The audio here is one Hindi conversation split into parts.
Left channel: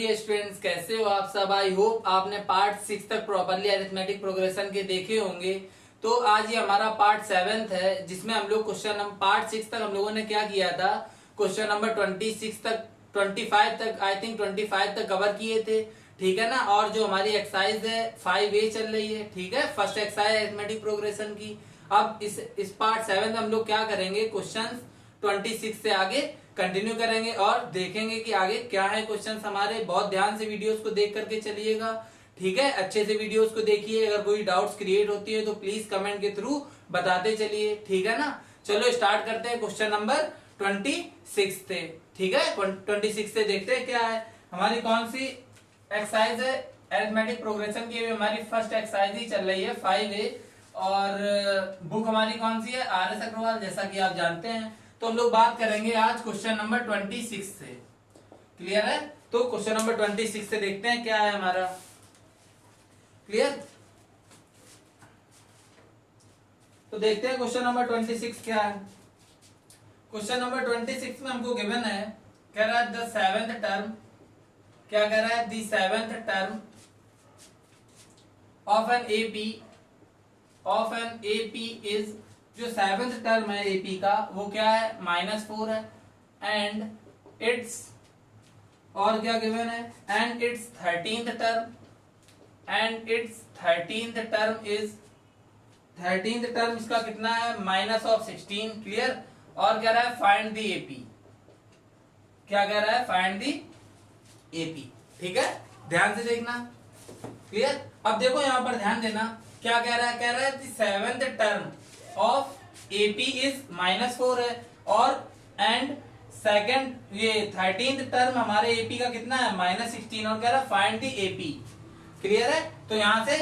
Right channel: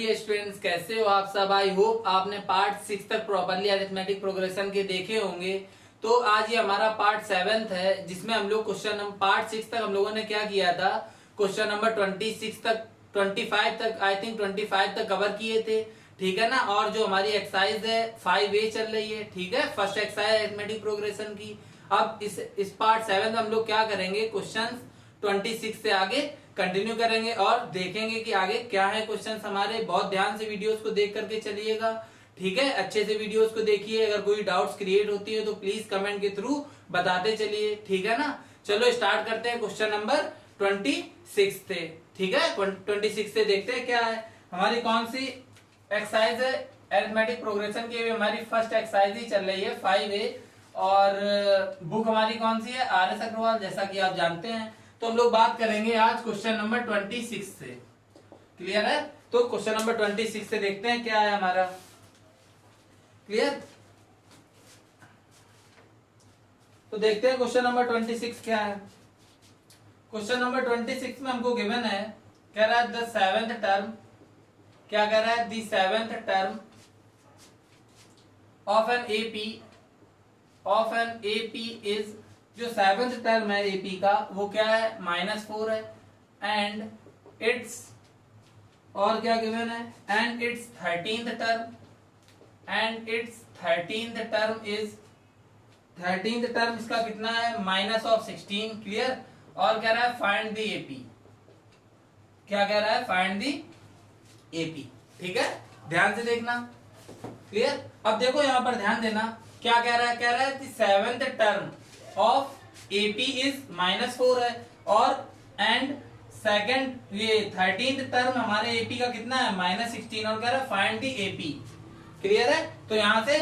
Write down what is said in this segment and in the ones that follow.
डियर स्टूडेंट्स, कैसे हो आप सब। आई होप आपने पार्ट 6 तक प्रॉपरली अरिथमेटिक प्रोग्रेशन के देखे होंगे। तो आज ये हमारा पार्ट 7 है, जिसमें हम लोग पार्ट 6 तक हम लोगों ने क्या किया था, क्वेश्चन नंबर 26 तक 25 तक, आई थिंक 25 तक कवर किए थे। ठीक है ना। और जो हमारी एक्सरसाइज है 5A चल रही है। ठीक है, फर्स्ट एक्सरसाइज अरिथमेटिक प्रोग्रेशन की। अब इस पार्ट 7 में हम लोग क्या करेंगे, क्वेश्चन 26 से आगे कंटिन्यू करेंगे और देखेंगे कि आगे क्या है क्वेश्चंस हमारे। बहुत ध्यान से वीडियोस को देख करके चलिएगा। ठीक है, अच्छे से वीडियोस को देखिए। अगर कोई डाउट्स क्रिएट होती है तो प्लीज कमेंट के थ्रू बताते चलिए। ठीक है ना। चलो स्टार्ट करते हैं क्वेश्चन नंबर 26 से। ठीक है, 26 से देखते हैं क्या है हमारी, कौन सी एक्सरसाइज है अरिथमेटिक प्रोग्रेशन की। अभी हमारी फर्स्ट एक्सरसाइज ही चल रही है 5A, और बुक हमारी कौन सी है, RS अग्रवाल, जैसा कि आप जानते हैं। तो हम लोग बात करेंगे आज क्वेश्चन नंबर 26 से। क्लियर है। तो क्वेश्चन नंबर 26 से देखते हैं क्या है हमारा। क्लियर। तो देखते हैं क्वेश्चन नंबर 26 क्या है। क्वेश्चन नंबर 26 में हमको गिवन है, कह रहा है द सेवेंथ टर्म, क्या कह रहा है, the seventh term of an AP is, जो सेवेंथ टर्म है एपी का वो क्या है, -4 है। एंड इट्स, और क्या गिवन है, and it's 13th term is, 13th term इसका कितना है, -16। क्लियर। और कह रहा है फाइंड द एपी, क्या कह रहा है, फाइंड द एपी। ठीक है, ध्यान से देखना। क्लियर। अब देखो यहां पर ध्यान देना, क्या कह रहा है, कह रहा है seventh term of AP is -4 है, और एंड सेकंड ये 13th टर्म हमारे एपी का कितना है, -16, और कह रहा है फाइंड द एपी। क्लियर है। तो यहां से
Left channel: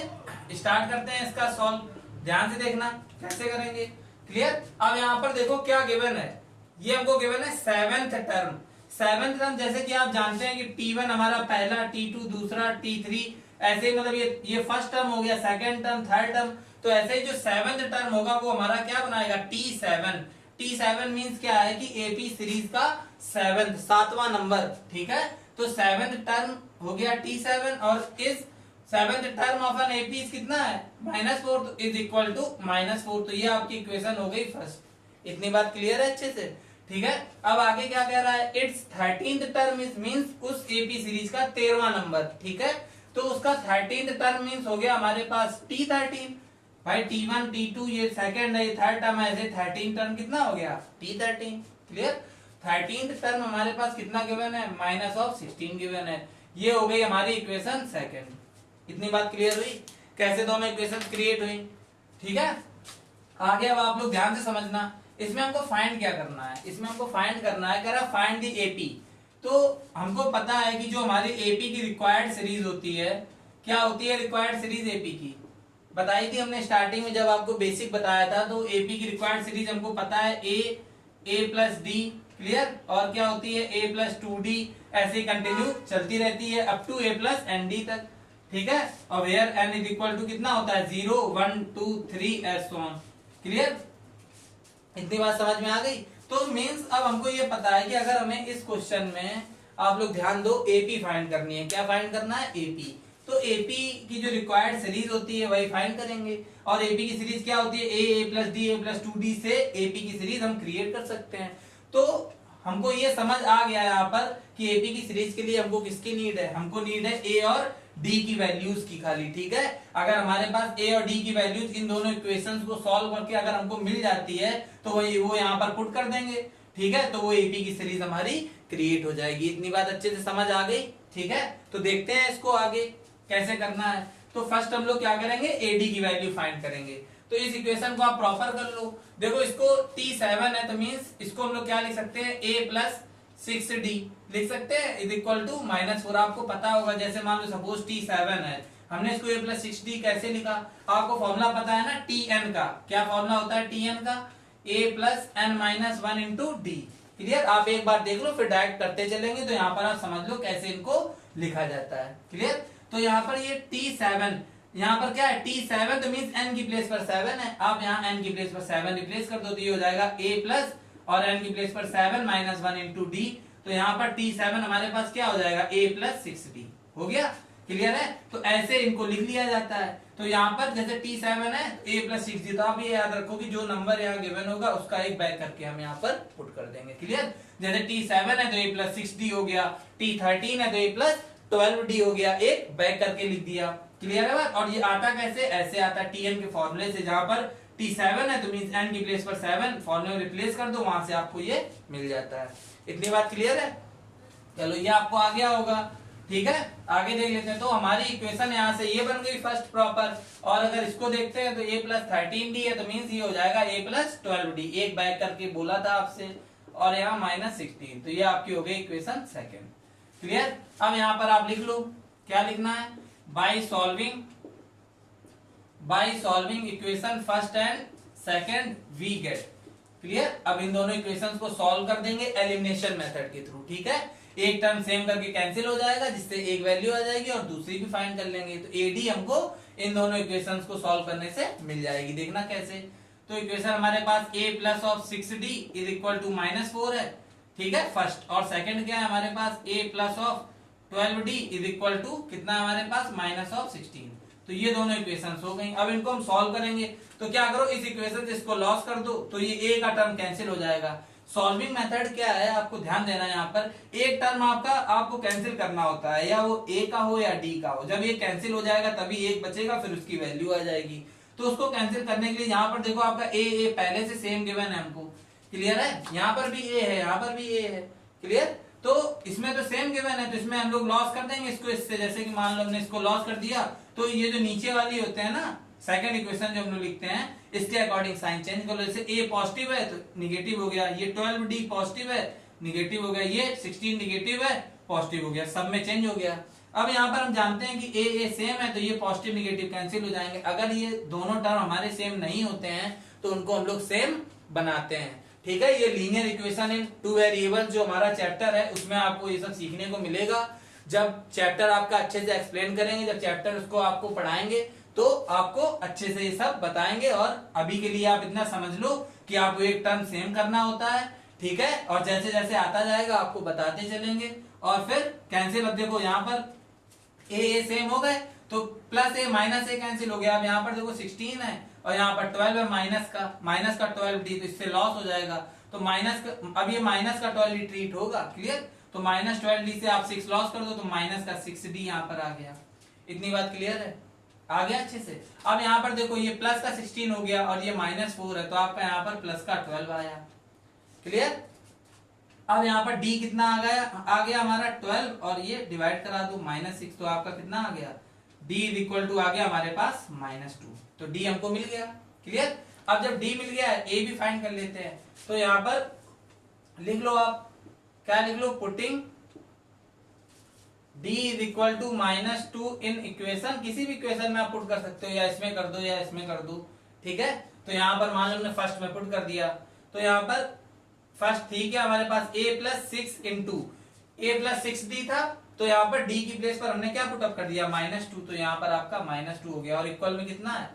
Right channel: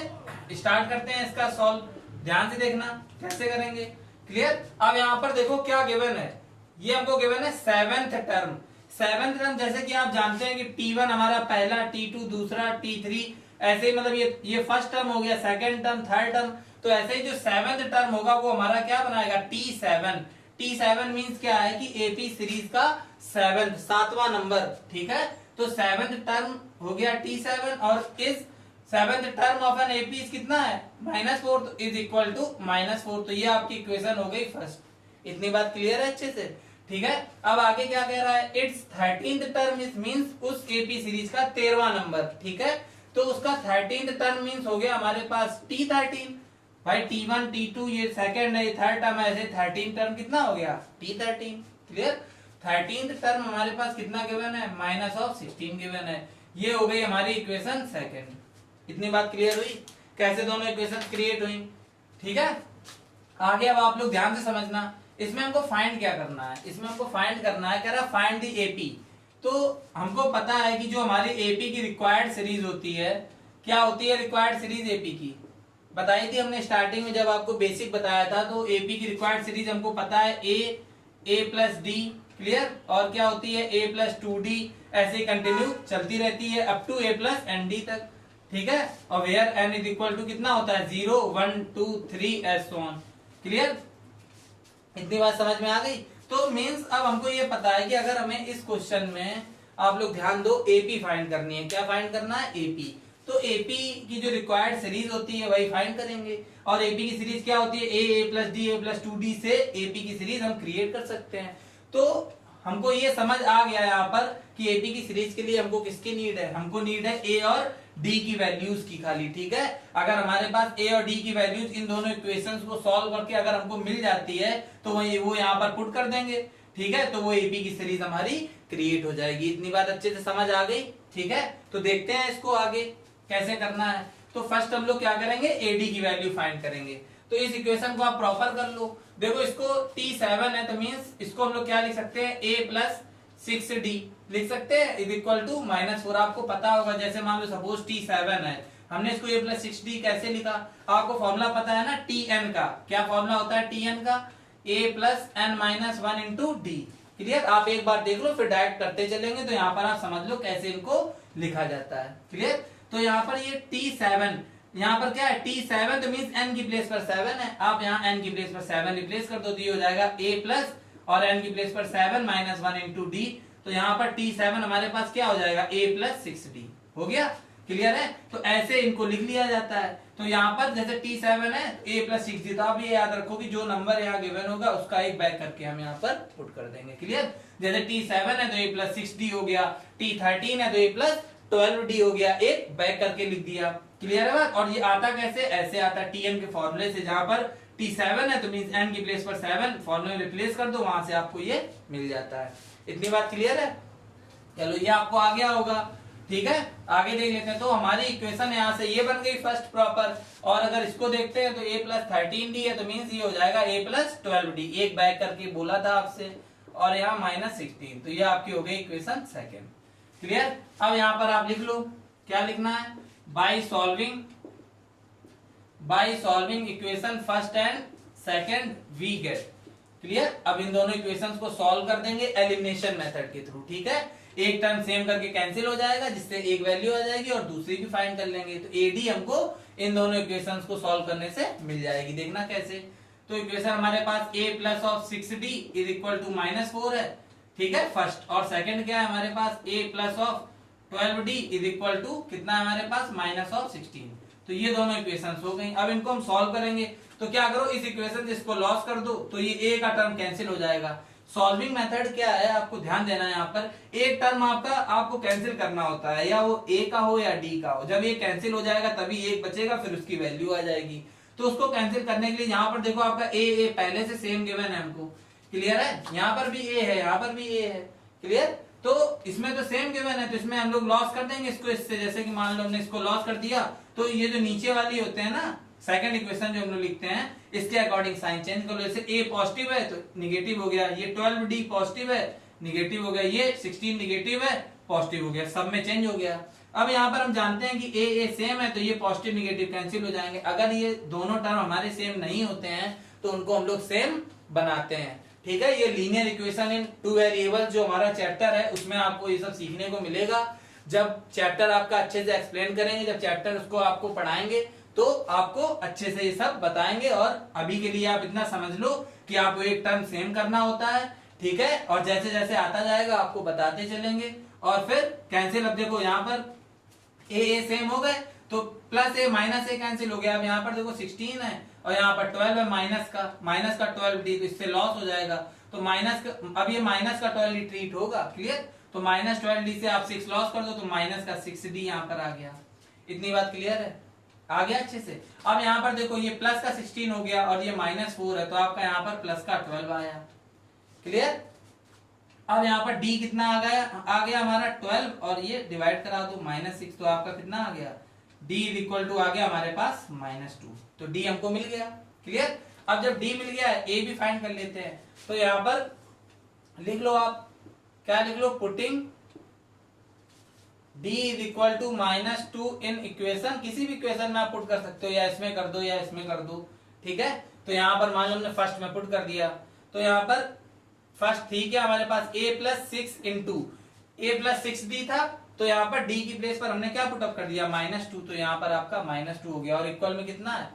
स्टार्ट करते हैं इसका सॉल्व। ध्यान से देखना कैसे करेंगे। क्लियर। अब यहां पर देखो क्या गिवन है, ये हमको गिवन है सेवेंथ टर्म। सेवेंथ टर्म जैसे कि आप जानते हैं कि T1 हमारा पहला, T2 दूसरा, T3 ऐसे ही, मतलब ये फर्स्ट टर्म हो गया, सेकंड टर्म, थर्ड टर्म। तो ऐसे ही जो सेवेंथ टर्म होगा वो हमारा क्या बनाएगा, T7। T7 मींस क्या है कि एपी सीरीज का सातवां नंबर। ठीक है। तो सेवेंथ टर्म हो गया T7, और इस seventh term of an AP कितना है, -4, तो इज इक्वल टू -4। तो ये आपकी इक्वेशन हो गई फर्स्ट। इतनी बात क्लियर है अच्छे से। ठीक है। अब आगे क्या कह रहा है, it's 13th term is means उस एपी सीरीज का 13वां नंबर। ठीक है। तो उसका 13th टर्म मींस हो गया हमारे पास T13। भाई T1 T2 ये सेकंड है, ये थर्ड टर्म है, ऐसे 13 टर्म कितना हो गया, T13। क्लियर। 13th टर्म हमारे पास कितना गिवन है, -16 गिवन है। ये हो गई हमारी इक्वेशन सेकंड। इतनी बात क्लियर हुई, कैसे दोनों इक्वेशन क्रिएट हुई। ठीक है। आगे अब आप लोग ध्यान से समझना, इसमें हमको फाइंड क्या करना है, इसमें हमको फाइंड करना है, कह रहा फाइंड दी एपी। तो हमको पता है कि जो हमारी एपी की रिक्वायर्ड सीरीज होती है, क्या होती है रिक्वायर्ड सीरीज एपी की, बताई थी हमने स्टार्टिंग में जब आपको बेसिक बताया था। तो एपी की रिक्वायर्ड सीरीज हमको पता है ए प्लस डी। क्लियर। और क्या होती है, A + 2D, ऐसे कंटिन्यू चलती रहती है अप टू A + ND तक। ठीक है। और where n is equal to कितना होता है, 0 1 2 3 एस ऑन। क्लियर। इतनी बात समझ में आ गई। तो मींस अब हमको ये पता है कि अगर हमें इस क्वेश्चन में, आप लोग ध्यान दो, एपी फाइंड करनी है। क्या फाइंड करना है, एपी। तो एपी की जो रिक्वायर्ड सीरीज होती है वही फाइंड करेंगे। और एपी की सीरीज क्या होती है, A + D A + 2D से एपी की सीरीज हम क्रिएट कर सकते हैं। तो हमको ये समझ आ गया यहाँ पर कि एपी की सीरीज के लिए हमको किसकी नीड है, हमको नीड है ए और डी की वैल्यूज की खाली। ठीक है। अगर हमारे पास ए और डी की वैल्यूज इन दोनों इक्वेशंस को सॉल्व करके अगर हमको मिल जाती है तो वो यहाँ पर पुट कर देंगे। ठीक है। तो वो एपी की सीरीज हमारी क्रिएट हो जाएगी। इतनी बात अच्छे से समझ आ गई। ठीक है। तो देखते हैं इसको आगे कैसे करना है। तो फर्स्ट हम लोग क्या करेंगे, एडी की वैल्यू फाइंड करेंगे। तो इस इक्वेशन को आप प्रॉपर कर लो। देखो इसको T7 है, तो मींस इसको हम लोग क्या लिख सकते हैं, A + 6D लिख सकते हैं, इज इक्वल टू -4। आपको पता होगा, जैसे मान लो सपोज T7 है, हमने इसको A + 6D कैसे लिखा, आपको फॉर्मूला पता है ना Tn का। क्या फॉर्मूला होता है Tn का, A + n-1 × D। क्लियर। आप एक बार देख लो, फिर डायरेक्ट करते चलेंगे। तो यहाँ पर आप समझ लो कैसे इनको लिखा जाता है। क्लियर। तो यहाँ पर ये T7, यहाँ पर क्या है, T7 तो मींस n की प्लेस पर 7 है। आप यहाँ n की प्लेस पर 7 रिप्लेस कर दो, तो ये हो जाएगा A+ और n की प्लेस पर 7 -1 × D। तो यहाँ पर T7 हमारे पास क्या हो जाएगा a प्लस 6d हो गया। क्लियर है? तो ऐसे इनको लिख लिया जाता है। तो यहाँ पर जैसे T7 है तो a प्लस 6d, तो आप ये याद रखो कि जो नंबर यहाँ गिवन होगा उसका एक बैक करके हम यहाँ पर पुट कर देंगे। क्लियर? जैसे T7 है तो a प्लस 6d हो गया, T13 है तो a प्लस 12d हो गया, एक बैक करके लिख दिया। क्लियर है बात? और ये आता कैसे? ऐसे आता है Tn के फॉर्मूले से, जहां पर T7 है तो मींस n की प्लेस पर 7 फॉर्मूले में रिप्लेस कर दो, वहां से आपको ये मिल जाता है। इतनी बात क्लियर है? चलो ये आपको आ गया होगा। ठीक है, आगे देख लेते हैं। तो हमारी इक्वेशन यहाँ से ये बन गई फर्स्ट प्रॉपर, और अगर इसको देखते हैं तो a प्लस 13d है तो मीन्स ये हो जाएगा a प्लस 12d, एक बैक करके बोला था आपसे, और यहाँ माइनस 16, तो ये आपकी हो गई इक्वेशन सेकेंड। क्लियर? अब यहाँ पर आप लिख लो क्या लिखना है, by solving equation first and second we get. Clear? अब इन दोनों इक्वेशंस को सॉल्व कर देंगे एलिमिनेशन मेथड के थ्रू। ठीक है, एक टर्म सेम करके कैंसिल हो जाएगा, जिससे एक वैल्यू आ जाएगी और दूसरी भी फाइंड कर लेंगे। तो एडी हमको इन दोनों इक्वेशंस को सॉल्व करने से मिल जाएगी। देखना कैसे। तो इक्वेशन हमारे पास a plus of 6d is equal to -4 है। ठीक है, फर्स्ट। और सेकंड क्या है हमारे पास, a plus of 12d is equal to कितना है हमारे पास, -16। तो ये दोनों इक्वेशंस हो गई। अब इनको हम सॉल्व करेंगे तो क्या करो, इस इक्वेशन से इसको लॉस कर दो तो ये a का टर्म कैंसिल हो जाएगा। सॉल्विंग मेथड क्या है, आपको ध्यान देना है। यहाँ पर एक टर्म आपको कैंसिल करना होता है, या वो a का हो या d का हो। जब ये कैंसिल हो जाएगा तभी एक बचेगा, फिर उसकी वैल्यू आ जाएगी। तो उसको कैंसिल करने के लिए यहाँ पर देखो आपका a पहले से सेम गिवन है हमको। क्लियर है? यहाँ पर भी a है, यहाँ पर भी a है। क्लियर? तो इसमें तो सेम गिवन है, तो इसमें हम लोग लॉस कर देंगे इसको इससे। जैसे कि मान लो हमने इसको लॉस कर दिया, तो ये जो नीचे वाली होते हैं ना, सेकंड इक्वेशन जो हम लोग लिखते हैं, इसके अकॉर्डिंग साइन चेंज कर लो। जैसे a पॉजिटिव है तो निगेटिव हो गया, ये 12d पॉजिटिव है निगेटिव हो गया, ये 16 निगेटिव है पॉजिटिव हो गया, सब में चेंज हो गया। अब यहाँ पर हम जानते हैं कि a सेम है तो ये पॉजिटिव निगेटिव कैंसिल हो जाएंगे। अगर ये दोनों टर्म हमारे सेम नहीं होते हैं तो उनको हम लोग सेम बनाते हैं। ठीक है, ये linear equation in two variable जो हमारा चैप्टर है उसमें आपको ये सब सीखने को मिलेगा। जब चैप्टर आपका अच्छे से एक्सप्लेन करेंगे, जब चैप्टर उसको आपको पढ़ाएंगे तो आपको अच्छे से ये सब बताएंगे। और अभी के लिए आप इतना समझ लो कि आपको एक टर्म सेम करना होता है। ठीक है, और जैसे जैसे आता जाएगा आपको बताते चलेंगे। और फिर कैंसिल, अब देखो यहाँ पर ए सेम हो गए तो प्लस ए माइनस ए कैंसिल हो गया। अब यहाँ पर देखो 16 है और यहाँ पर 12 है, माइनस का 12d, तो इससे लॉस हो जाएगा। तो माइनस का, अब ये माइनस का 12d ट्रीट होगा। क्लियर? तो -12d से आप 6 लॉस कर दो तो माइनस का 6d यहाँ पर आ गया। इतनी बात क्लियर है? आ गया अच्छे से? अब यहाँ पर देखो ये प्लस का 16 हो गया और ये -4 है, तो आपका यहाँ पर प्लस का 12 आया। क्लियर? अब यहाँ पर d कितना आ गया हमारा 12, और ये डिवाइड करा दो -6, तो आपका कितना आ गया, d इज इक्वल टू आ गया हमारे पास -2। तो d हमको मिल गया। क्लियर? अब जब d मिल गया a भी फाइंड कर लेते हैं। तो यहाँ पर लिख लो आप, क्या लिख लो, putting d is equal to -2 in equation, किसी भी इक्वेशन में आप पुट कर सकते हो, या इसमें कर दो या इसमें कर दो। ठीक है, तो यहाँ पर मान लो हमने फर्स्ट में पुट कर दिया, तो यहाँ पर फर्स्ट ठीक है हमारे पास a plus 6 into a plus 6d था, तो यहाँ पर d की प्लेस पर हमने क्या पुटअप कर दिया, -2, तो यहाँ पर आपका -2 हो गया। और इक्वल में कितना है,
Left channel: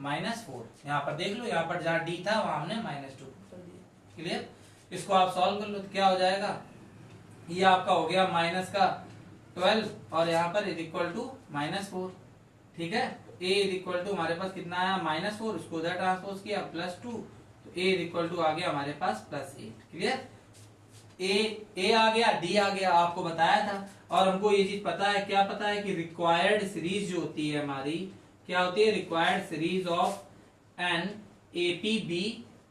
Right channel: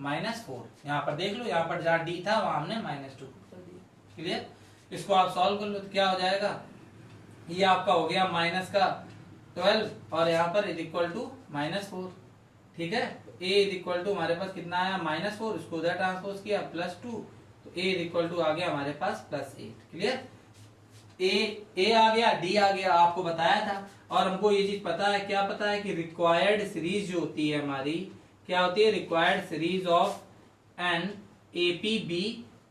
-4। यहाँ पर देख लो, यहाँ पर जहाँ d था वहां हमने -2 पुट कर दिया। क्लियर? इसको आप सॉल्व कर लो तो क्या हो जाएगा, ये आपका हो गया माइनस का 12 और यहाँ पर इज इक्वल टू -4। ठीक है, a इज इक्वल टू हमारे पास कितना आया, -4, इसको उधर ट्रांसपोज किया +2, तो a इज इक्वल टू आ गया हमारे पास +8। क्लियर? a आ गया, d आ गया, आपको बताया था। और हमको ये चीज पता है, क्या पता है कि रिक्वायर्ड सीरीज जो होती है हमारी, क्या होती है, required series of an APB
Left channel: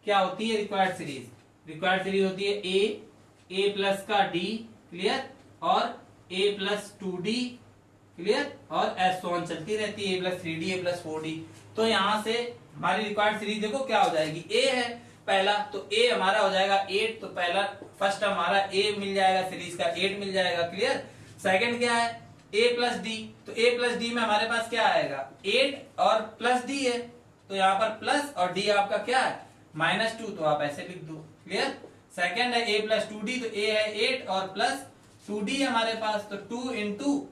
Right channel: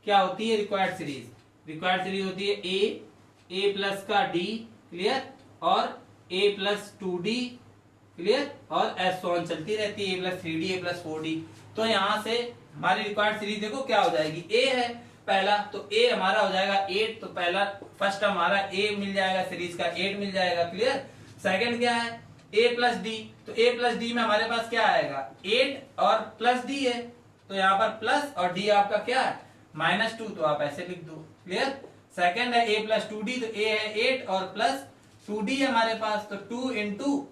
क्या होती है, रिक्वायर्ड सीरीज होती है a प्लस का d, क्लियर, और a प्लस 2d, क्लियर, और ऐसे ऑन चलती रहती है, a plus 3d, a plus 4d। तो यहां से हमारी रिक्वायर्ड सीरीज देखो क्या हो जाएगी, a है पहला, तो a हमारा हो जाएगा 8, तो पहला फर्स्ट हमारा a मिल जाएगा, सीरीज का 8 मिल जाएगा। क्लियर? सेकंड क्या है, a प्लस d, तो a प्लस d में हमारे पास क्या आएगा, 8 और प्लस d है, तो यहाँ पर प्लस और d आपका क्या है, -2, तो आप ऐसे लिख दो। क्लियर? सेकंड है a प्लस 2d, तो a है 8 और प्लस 2d हमारे पास, तो 2 इंटू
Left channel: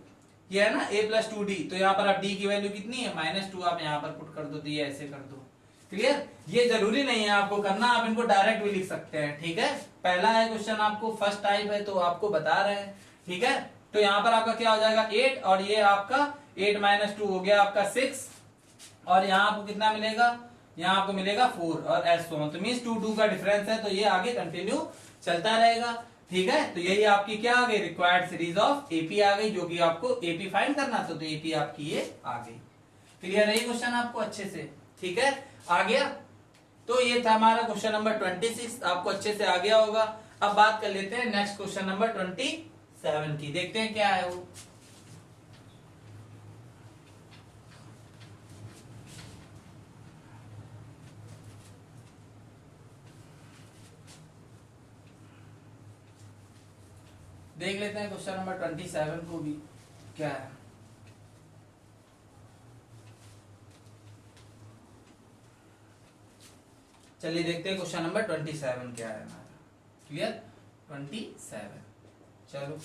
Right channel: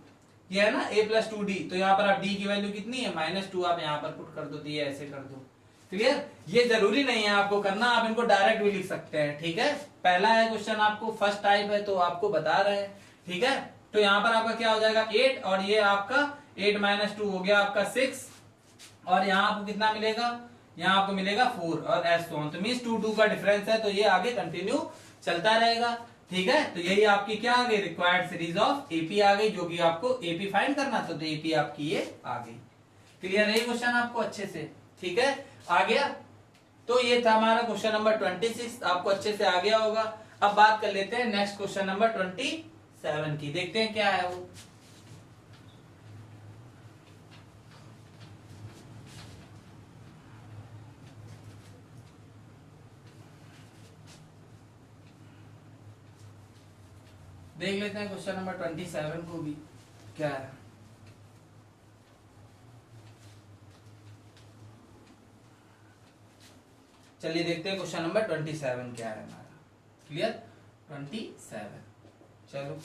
ये है ना a प्लस 2d, तो यहाँ पर आप d की वैल्यू कितनी है, -2, आप यहाँ पर पुट कर दो, तो ये ऐसे कर दो। क्लियर। ये जरूरी नहीं है आपको करना, आप इनको डायरेक्ट भी लिख सकते हैं, ठीक है। पहला है क्वेश्चन आपको फर्स्ट टाइप है तो आपको बता रहे हैं, ठीक है। तो यहाँ पर आपका क्या हो जाएगा 8 और ये आपका 8 - 2 हो गया आपका 6 और यहाँ आपको कितना मिलेगा, यहाँ आपको मिलेगा 4 और एस सो ऑन। तो मींस 2 2 का डिफरेंस है तो ये आगे कंटिन्यू चलता रहेगा, ठीक है। तो यही आपकी क्या आ गई, रिक्वायर्ड सीरीज ऑफ एपी आ गई, जो कि आपको एपी फाइंड करना था, तो एपी आपकी ये आ गई। क्लियर है ये क्वेश्चन आपको अच्छे से, ठीक है, आ गया। तो ये था हमारा क्वेश्चन नंबर 26, आपको अच्छे से आ गया होगा। अब बात कर लेते हैं नेक्स्ट क्वेश्चन नंबर 27 की, देखते हैं क्या है वो। देख लेते हैं क्वेश्चन नंबर 27 को भी क्या है। चलिए देखते हैं क्वेश्चन नंबर 27 क्या है हमारा। क्लियर, 27। चलो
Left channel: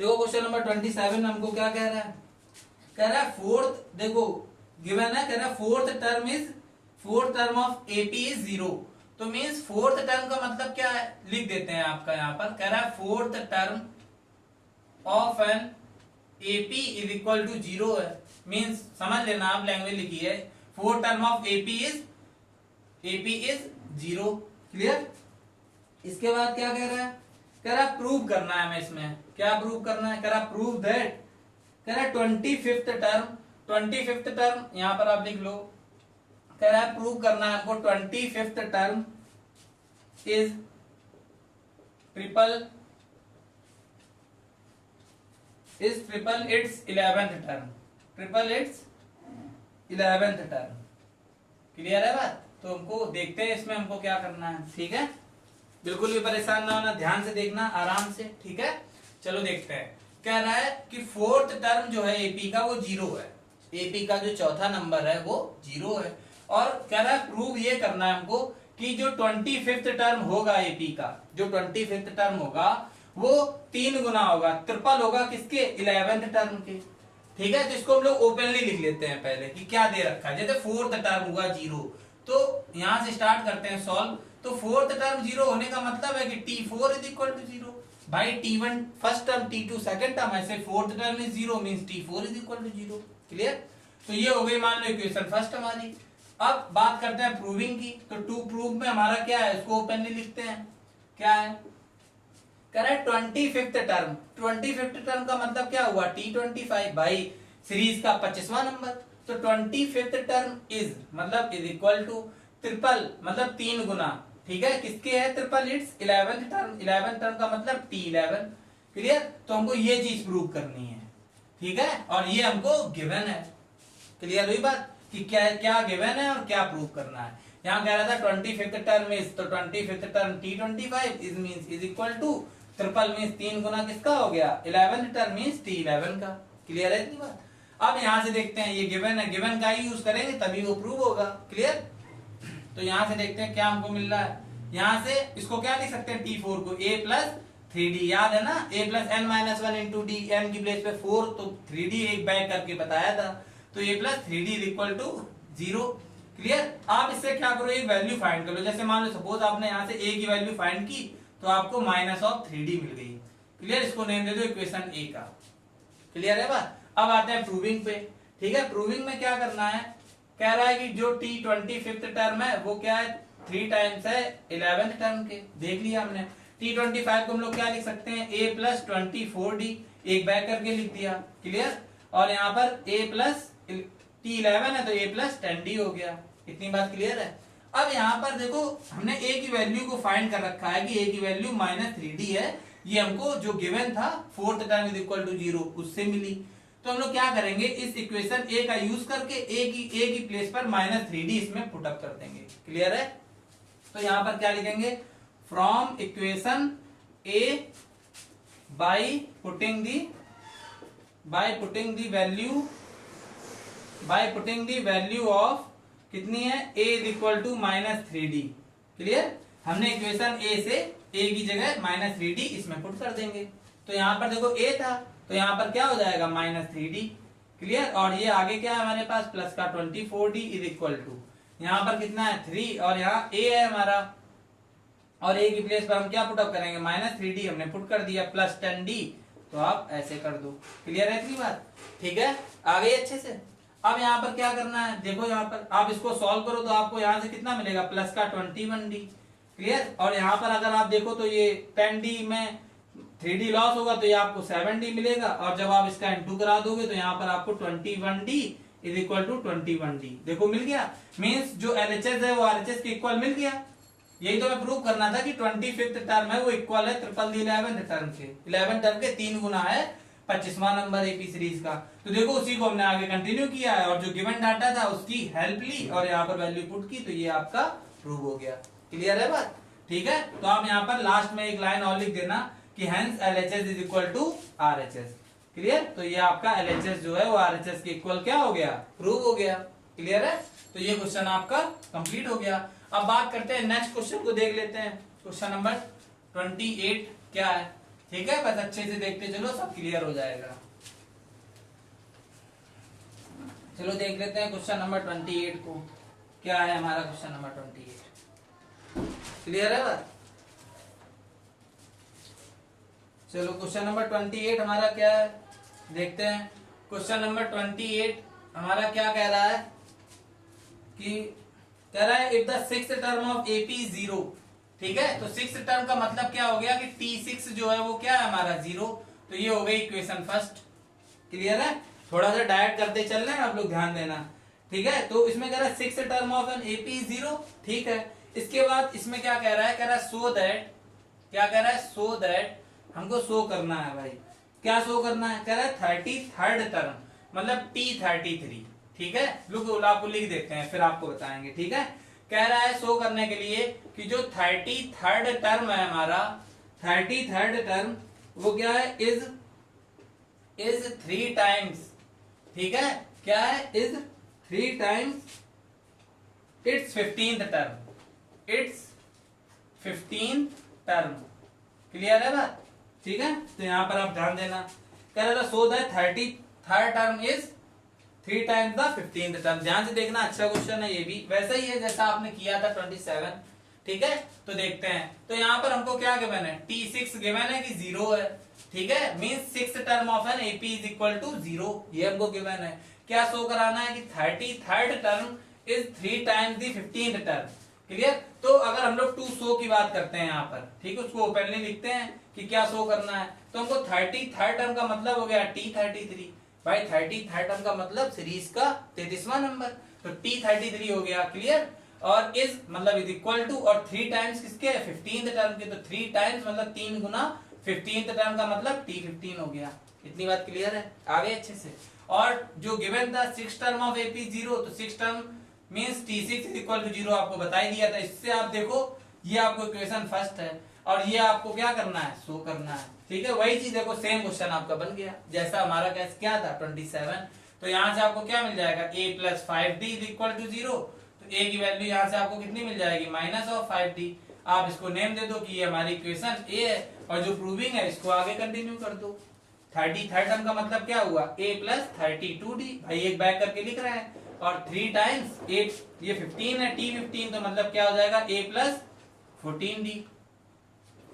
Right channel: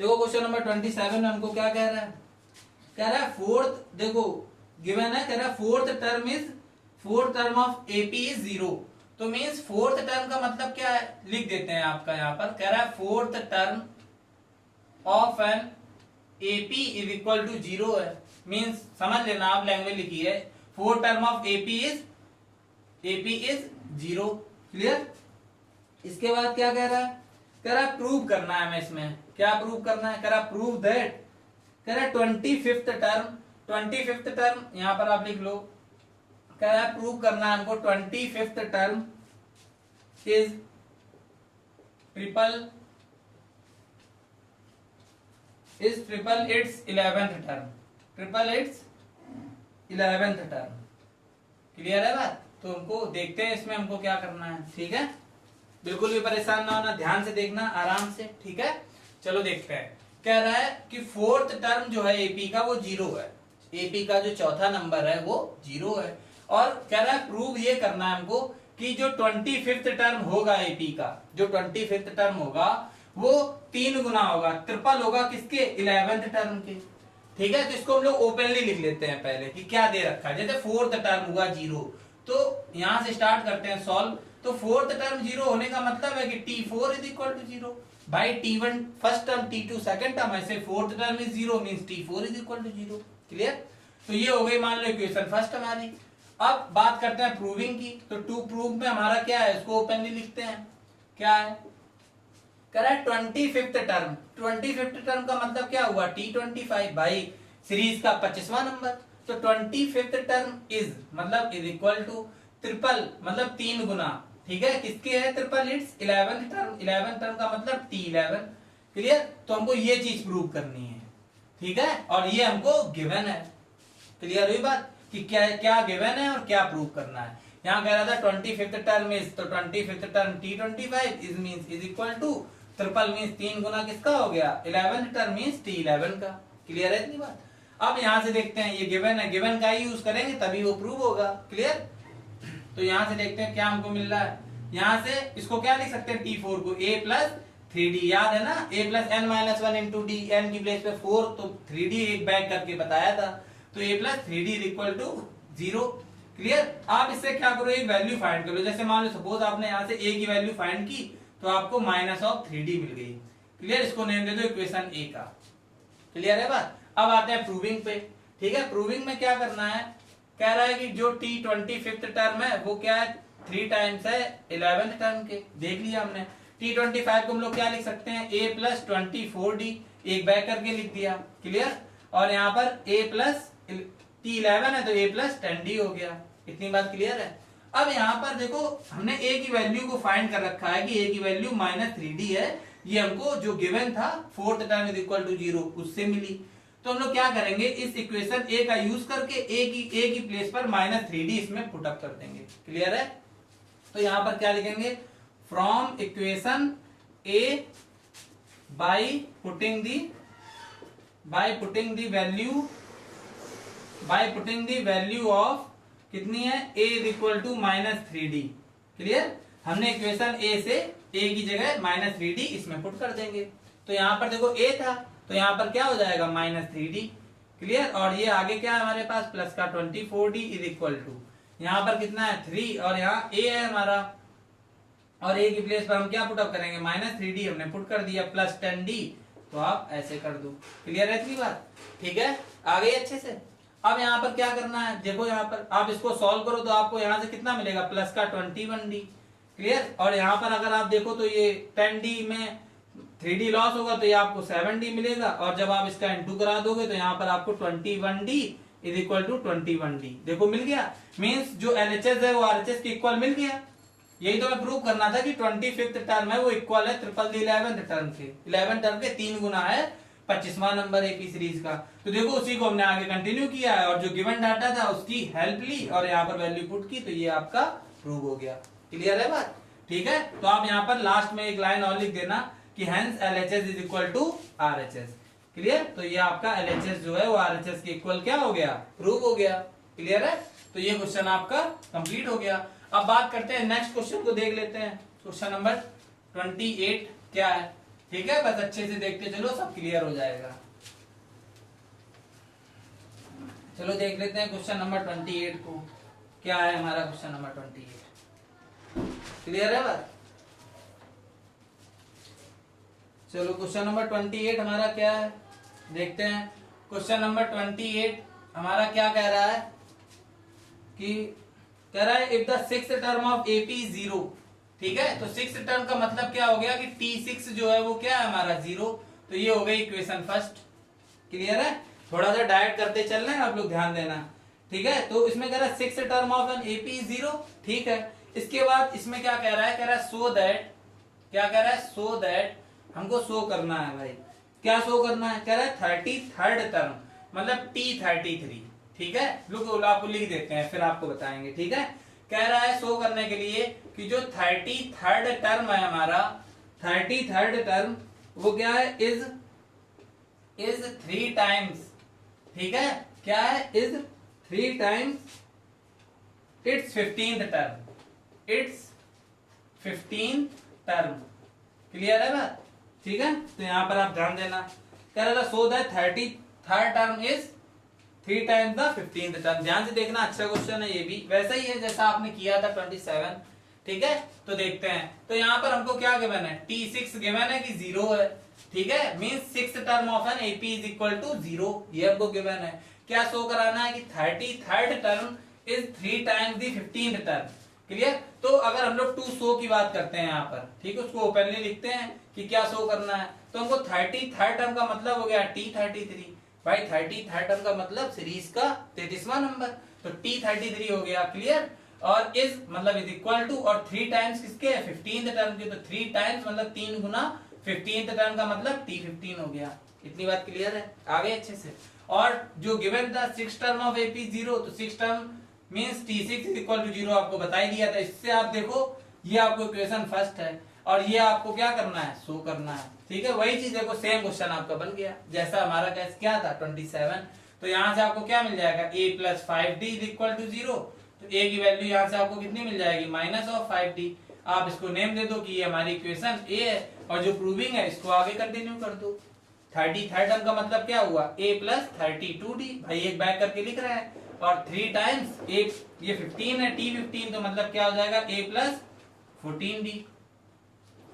देखो क्वेश्चन नंबर 27 में हमको क्या कह रहा है, कह रहा है फोर्थ, देखो गिवन है, कह रहा है fourth term of AP is 0। तो मींस फोर्थ टर्म का मतलब क्या है, लिख देते हैं आपका यहाँ पर, कह रहा है fourth term of an AP is equal to 0 है। मींस समझ लेना, आप लैंग्वेज लिखी है, fourth term of AP is 0। Clear. इसके बाद क्या कह रहा है, कह रहा है प्रूव करना है हमें इसमें, क्या प्रूव करना है, कह रहा प्रूव दैट, कह रहा 25th टर्म यहां पर आप लिख लो, कह रहा है प्रूव करना है हमको 25th term is triple it's 11th term, triple it's 11th term. Clear है बात। तो हमको देखते हैं इसमें हमको क्या करना है, ठीक है। बिल्कुल भी परेशान ना होना, ध्यान से देखना आराम से, ठीक है। चलो देखते हैं, कह रहा है कि फोर्थ टर्म जो है एपी का वो 0 है, एपी का जो चौथा नंबर है वो 0 है। और कह रहा है प्रूव ये करना है हमको कि जो 25th टर्म होगा एपी का, जो 25th टर्म होगा वो 3 गुना होगा, ट्रिपल होगा किसके, 11th टर्म के, ठीक है। तो इसको हम लोग ओपनली लिख लेते हैं पहले कि क्या दे रखा है। जैसे फोर्थ टर्म हुआ 0, तो यहां से स्टार्ट करते हैं सॉल्व। तो फोर्थ टर्म 0 होने का मतलब है कि T4 इज इक्वल टू 0 भाई, T1 first term, T2 second term, ऐसे fourth term is 0 means T4 is equal to 0। Clear. तो ये हो गई मान लो इक्वेशन फर्स्ट हमारी। अब बात करते हैं प्रूविंग की। तो टू प्रूव में हमारा क्या है, इसको ओपनली लिखते हैं, क्या है, कह रहा है 25th टर्म का मतलब क्या हुआ, T25 भाई, सीरीज का 25वां नंबर। तो 25th टर्म इज मतलब इज इक्वल टू ट्रिपल मतलब 3 गुना, ठीक है, किसके है, triple it's 11th term, 11th term का मतलब T11। क्लियर। तो हमको ये चीज प्रूव करनी है, ठीक है, और ये हमको गिवन है। क्लियर हुई बात कि क्या क्या गिवन है और क्या प्रूव करना है। यहाँ कह रहा था 25th टर्म इज, तो 25th term T25 is means is equal to triple means 3 गुना किसका हो गया, 11th टर्म मींस T11 का। क्लियर है इतनी बात। अब यहां से देखते हैं, ये गिवन है, गिवन का ही यूज करेंगे तभी वो प्रूव होगा। क्लियर। तो यहां से देखते हैं क्या हमको मिल रहा है। यहां से इसको क्या लिख सकते हैं, T4 को a प्लस 3d, याद है ना, a plus n minus 1 into D, n की प्लेस पे 4, तो 3d एक बैक करके बताया था, तो a plus 3d is equal to 0। Clear. आप इससे क्या करो, एक वैल्यू फाइंड कर लो। जैसे मान लो सपोज आपने यहाँ से a की वैल्यू फाइंड की, तो आपको -3d मिल गई। क्लियर। इसको नेम दे दो इक्वेशन a का। क्लियर है बात। अब आते हैं प्रूविंग पे, ठीक है। प्रूविंग में क्या करना है, कह रहा है कि जो T25th टर्म है वो क्या है, 3 टाइम्स है 11th टर्म के। देख लिया हमने। T25 को हम लोग क्या लिख सकते हैं, a प्लस 24d, एक बैक करके लिख दिया। क्लियर। और यहाँ पर a प्लस T11 है तो a प्लस 10d हो गया। इतनी बात क्लियर है। अब यहाँ पर देखो हमने a की वैल्यू को फाइंड कर रखा है कि a की वैल्यू -3d है। ये हमको जो गिवन था fourth term is equal to 0 उससे मिली। तो हम लोग क्या करेंगे, इस इक्वेशन a का यूज करके a की प्लेस पर -3d इसमें पुटअप कर देंगे। क्लियर है। तो यहां पर क्या लिखेंगे, from equation a by putting the value of कितनी है, a is equal to -3d। Clear. हमने इक्वेशन a से a की जगह -3d इसमें पुट कर देंगे। तो यहां पर देखो a था तो यहां पर क्या हो जाएगा, -3d। क्लियर। और ये आगे क्या है हमारे पास, प्लस का 24d इज इक्वल टू, यहाँ पर कितना है 3 और यहाँ a है हमारा, और a की प्लेस पर हम क्या पुटअप करेंगे, -3d हमने पुट कर दिया, प्लस 10d, तो आप ऐसे कर दो। क्लियर है इतनी बात, ठीक है, आ गई अच्छे से। अब यहाँ पर क्या करना है, देखो यहाँ पर आप इसको सॉल्व करो तो आपको यहाँ से कितना मिलेगा, प्लस का 21d। क्लियर। और यहाँ पर अगर आप देखो तो ये 10d में 3d लॉस होगा तो ये आपको 7d मिलेगा, और जब आप इसका इंटू करा दोगे तो यहाँ पर आपको 21d is equal to 21d, देखो मिल गया। मीन्स जो LHS है वो RHS के इक्वल मिल गया। यही तो मैं प्रूव करना था कि 25th टर्म है वो इक्वल है 11th टर्म के। 11 टर्म के 3 गुना है 25वां नंबर एपी सीरीज का। तो देखो उसी को हमने आगे कंटिन्यू किया है, और जो गिवन डाटा था उसकी हेल्प ली और यहाँ पर वैल्यू पुट की, तो ये आपका प्रूव हो गया। क्लियर है बात, ठीक है। तो आप यहाँ पर लास्ट में एक लाइन और लिख देना कि hence LHS is equal to RHS। Clear. तो ये आपका LHS जो है वो RHS के इक्वल क्या हो गया, प्रूव हो गया। क्लियर है। तो ये क्वेश्चन आपका कंप्लीट हो गया। अब बात करते हैं नेक्स्ट क्वेश्चन को, देख लेते हैं। क्वेश्चन नंबर 28 क्या है, ठीक है, बस अच्छे से देखते चलो, सब क्लियर हो जाएगा। चलो देख लेते हैं क्वेश्चन नंबर 28 को, क्या है हमारा क्वेश्चन नंबर 28। क्लियर है बात। चलो क्वेश्चन नंबर 28 हमारा क्या है, देखते हैं। क्वेश्चन नंबर 28 हमारा क्या कह रहा है कि कह रहा है if the sixth term of AP 0, ठीक है। तो सिक्स्थ टर्म का मतलब क्या हो गया कि T6 जो है वो क्या है हमारा 0, तो ये हो गई इक्वेशन फर्स्ट। क्लियर है। थोड़ा सा डायरेक्ट करते चल रहे हैं आप लोग, ध्यान देना, ठीक है। तो इसमें कह रहा है sixth term of an AP 0, ठीक है। इसके बाद इसमें क्या कह रहा है, कह रहा है सो दैट, क्या कह रहा है, सो दैट हमको शो करना है भाई, क्या शो करना है, कह रहा है 33rd टर्म मतलब T33, ठीक है। लोग आपको लिख देते हैं फिर आपको बताएंगे, ठीक है। कह रहा है शो करने के लिए कि जो 33rd टर्म है हमारा, 33rd टर्म वो क्या है, इज 3 टाइम्स, ठीक है, क्या है, is 3 times it's 15th term, it's 15th term. Clear है बात, ठीक है। तो यहां पर आप ध्यान देना, कह रहा था so that 33rd term is 3 times the 15th term. ध्यान से देखना, अच्छा क्वेश्चन है ये भी, वैसा ही है जैसा आपने किया था 27, ठीक है। तो देखते हैं, तो यहाँ पर हमको क्या गिवन है, T6 गिवन है कि 0 है, ठीक है। Means sixth term of an AP is equal to 0, ये हमको गिवन है। क्या शो कराना है कि 33rd term is 3 times the 15th term. Clear. तो अगर हम लोग टू शो की बात करते हैं यहाँ पर, ठीक है, उसको ओपनली लिखते हैं कि क्या शो करना है, तो हमको 33rd टर्म का मतलब हो गया T33 भाई, 33rd टर्म का मतलब सीरीज का 33वां नंबर, तो T33 हो गया। क्लियर। और इज मतलब इज इक्वल टू, और 3 टाइम्स किसके, 15th टर्म के, तो 3 टाइम्स मतलब 3 गुना 15th टर्म का मतलब T15 हो गया। इतनी बात क्लियर है, आगे अच्छे से। और जो गिवन था 6 टर्म ऑफ एपी 0, तो 6 term means T6 is equal to 0 आपको बता ही दिया था। इससे आप देखो ये आपको इक्वेशन फर्स्ट है, और ये आपको क्या करना है, शो करना है, ठीक है। वही चीज देखो, सेम क्वेश्चन आपका बन गया जैसा हमारा केस क्या था 27। तो यहाँ से आपको क्या मिल जाएगा, a plus 5d is equal to 0, तो a की वैल्यू यहाँ से आपको कितनी मिल जाएगी, -5d। आप इसको नेम दे दो कि ये हमारी इक्वेशन a है, और जो प्रूविंग है इसको आगे कंटिन्यू कर दो। 33rd टर्म का मतलब क्या हुआ, a प्लस 32d, भाई एक बैक करके लिख रहे हैं, और 3 टाइम्स ये 15 है, T15, तो मतलब क्या हो जाएगा, a प्लस 14d।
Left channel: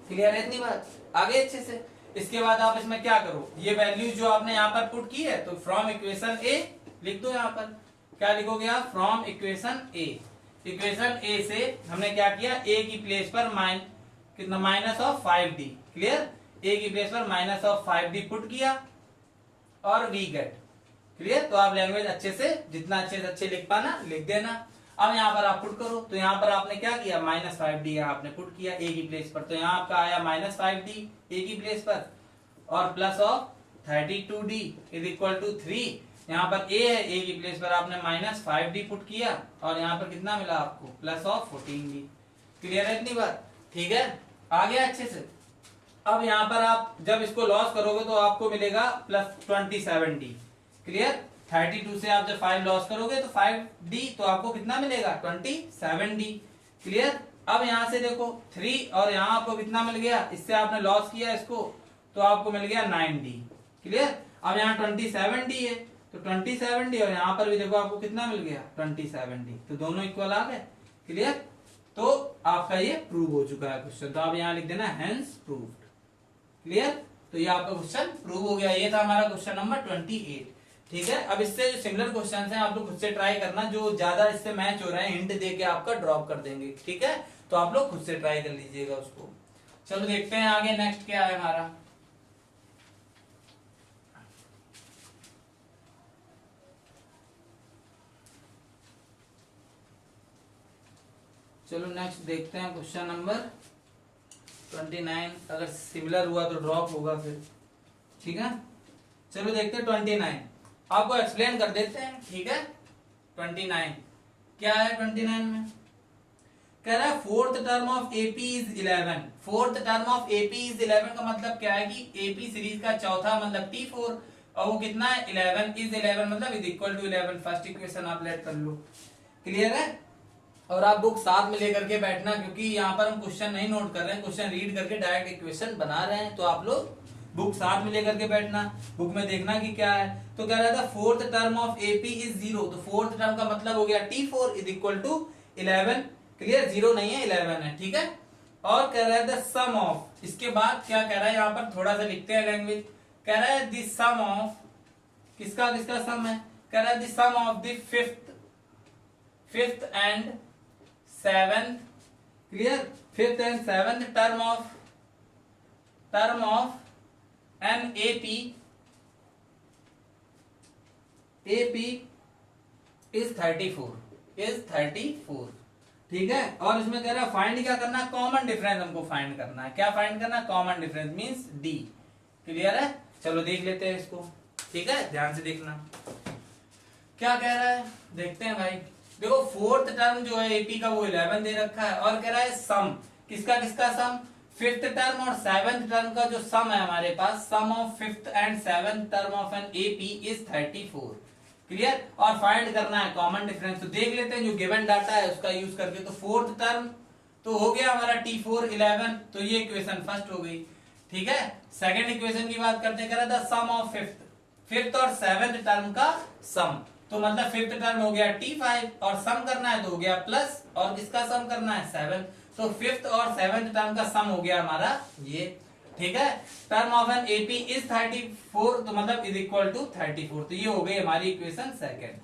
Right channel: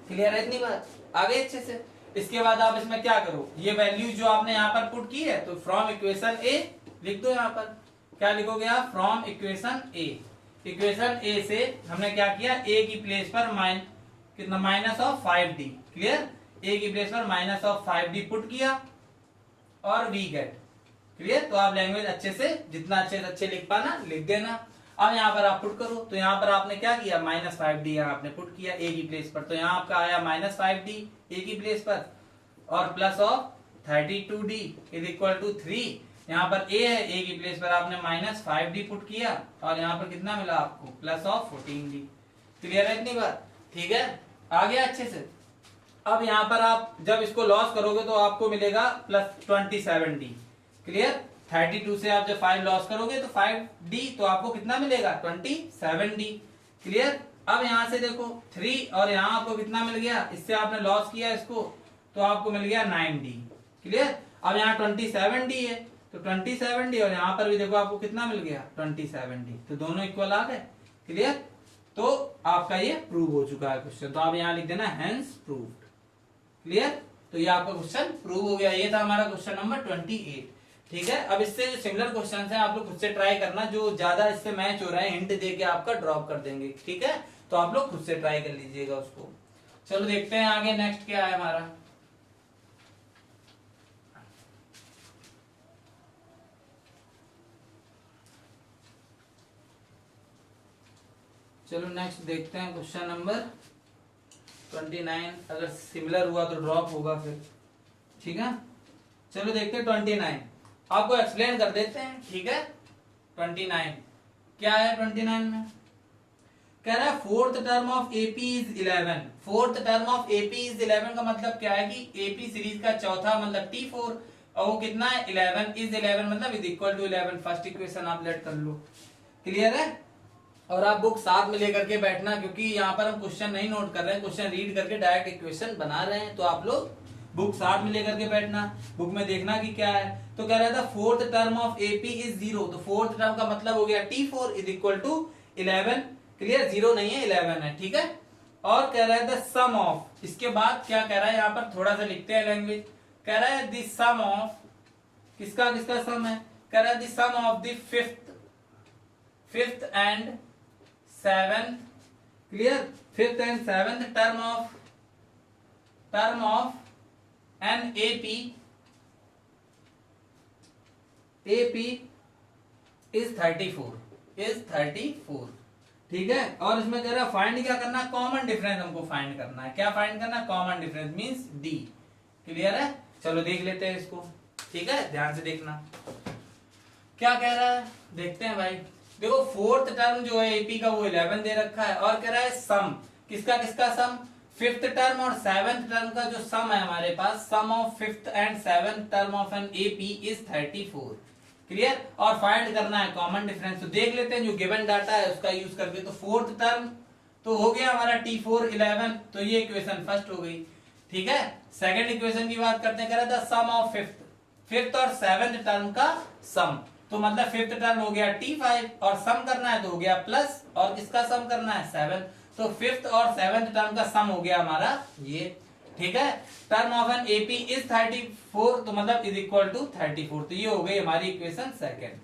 क्लियर है इतनी बात, आगे अच्छे से। इसके बाद आप इसमें क्या करो, ये वैल्यू जो आपने यहाँ पर पुट की है, तो फ्रॉम इक्वेशन ए लिख दो। यहाँ पर क्या लिखोगे आप, फ्रॉम इक्वेशन ए। इक्वेशन ए से हमने क्या किया, ए की प्लेस पर कितना -5d। क्लियर। ए की प्लेस पर -5d पुट किया और वी गेट। क्लियर। तो आप लैंग्वेज अच्छे से, जितना अच्छे से अच्छे लिख पाना लिख देना। अब यहाँ पर आप पुट करो, तो यहाँ पर आपने क्या किया, -5d यहाँ आपने पुट किया ए की प्लेस पर, तो यहाँ आपका आया -5d ए की प्लेस पर, और plus of 32d is equal to 3। यहाँ पर a है, a की प्लेस पर आपने -5d पुट किया, और यहाँ पर कितना मिला आपको, प्लस ऑफ 14d। क्लियर है इतनी बात, ठीक है, आ गया अच्छे से। अब यहाँ पर आप जब इसको लॉस करोगे तो आपको मिलेगा +27d। क्लियर। 32 से आप जब 5 लॉस करोगे तो 5d, तो आपको कितना मिलेगा, 27d। क्लियर। अब यहां से देखो 3, और यहां आपको कितना मिल गया, इससे आपने लॉस किया इसको, तो आपको मिल गया 9d। क्लियर। अब यहाँ 27d है, तो 20/70 और यहाँ पर भी देखो आपको कितना मिल गया 20/70, तो दोनों इक्वल आ गए। क्लियर, तो आपका ये प्रूव हो चुका है क्वेश्चन, तो आप यहाँ लिख देना हेंस प्रूव्ड। क्लियर, तो ये आपका क्वेश्चन प्रूव हो गया। ये था हमारा क्वेश्चन नंबर 28। ठीक है, अब इससे जो सिमिलर क्वेश्चन हैं आप लोग खुद से ट्राई करना, जो ज्यादा इससे मैच हो रहे हैं हिंट दे के आपका ड्रॉप कर देंगे। ठीक है, तो आप लोग खुद से ट्राई कर लीजिएगा उसको। चलो देखते हैं आगे नेक्स्ट क्या है हमारा। चलो नेक्स्ट देखते हैं क्वेश्चन नंबर 29। अगर सिमिलर हुआ तो ड्रॉप होगा फिर। ठीक है, चलो देखते हैं 29, आपको एक्सप्लेन कर देते हैं। ठीक है, 29 क्या है 29 में कह रहा है fourth term of AP is 11। Fourth term of AP is 11 का मतलब क्या है कि एपी सीरीज का चौथा मतलब T4 और वो कितना है 11 इज 11 मतलब is equal to 11। First equation आप लेट कर लो। क्लियर है, और आप बुक साथ में लेकर के बैठना, क्योंकि यहाँ पर हम क्वेश्चन नहीं नोट कर रहे हैं, क्वेश्चन रीड करके डायरेक्ट इक्वेशन बना रहे हैं। तो आप लोग बुक साथ में लेकर के बैठना, बुक में देखना कि क्या है। तो कह रहा था fourth term of AP is 0, तो फोर्थ टर्म का मतलब हो गया T4 is equal to 11। Clear, 0 नहीं है 11 है। ठीक है, और कह रहा है द सम ऑफ, इसके बाद क्या कह रहा है यहाँ पर थोड़ा सा लिखते हैं लैंग्वेज। कह रहा है द सम ऑफ, किसका किसका सम है, कह रहा है the sum of the fifth and seventh, clear, fifth and seventh term of an AP is 34। ठीक है, और इसमें कह रहा है फाइंड क्या करना है, कॉमन डिफरेंस हमको फाइंड करना है। क्या फाइंड करना है, common difference means D. Clear है, चलो देख लेते हैं इसको। ठीक है, ध्यान से देखना क्या कह रहा है, देखते हैं भाई। देखो फोर्थ टर्म जो है एपी का वो 11 दे रखा है, और कह रहा है सम, किसका किसका सम, फिफ्थ टर्म और सेवेंथ टर्म का जो सम है हमारे पास, sum of fifth and seventh term of an AP is 34। Clear, और फाइंड करना है कॉमन डिफरेंस। तो देख लेते हैं जो गिवन डाटा है उसका यूज करके। तो फोर्थ टर्म तो हो गया हमारा T4 11, तो ये इक्वेशन फर्स्ट हो गई। ठीक है, सेकंड इक्वेशन की बात करते हैं, कह रहा था सम ऑफ फिफ्थ और सेवेंथ टर्म का सम, तो मतलब फिफ्थ टर्म हो गया T5 और सम करना है तो हो गया प्लस, और किसका सम करना है 7, तो फिफ्थ और सेवेंथ टर्म का सम हो गया हमारा ये। ठीक है, term of an AP is 34, तो मतलब इज इक्वल टू 34, तो ये हो गई हमारी इक्वेशन सेकंड।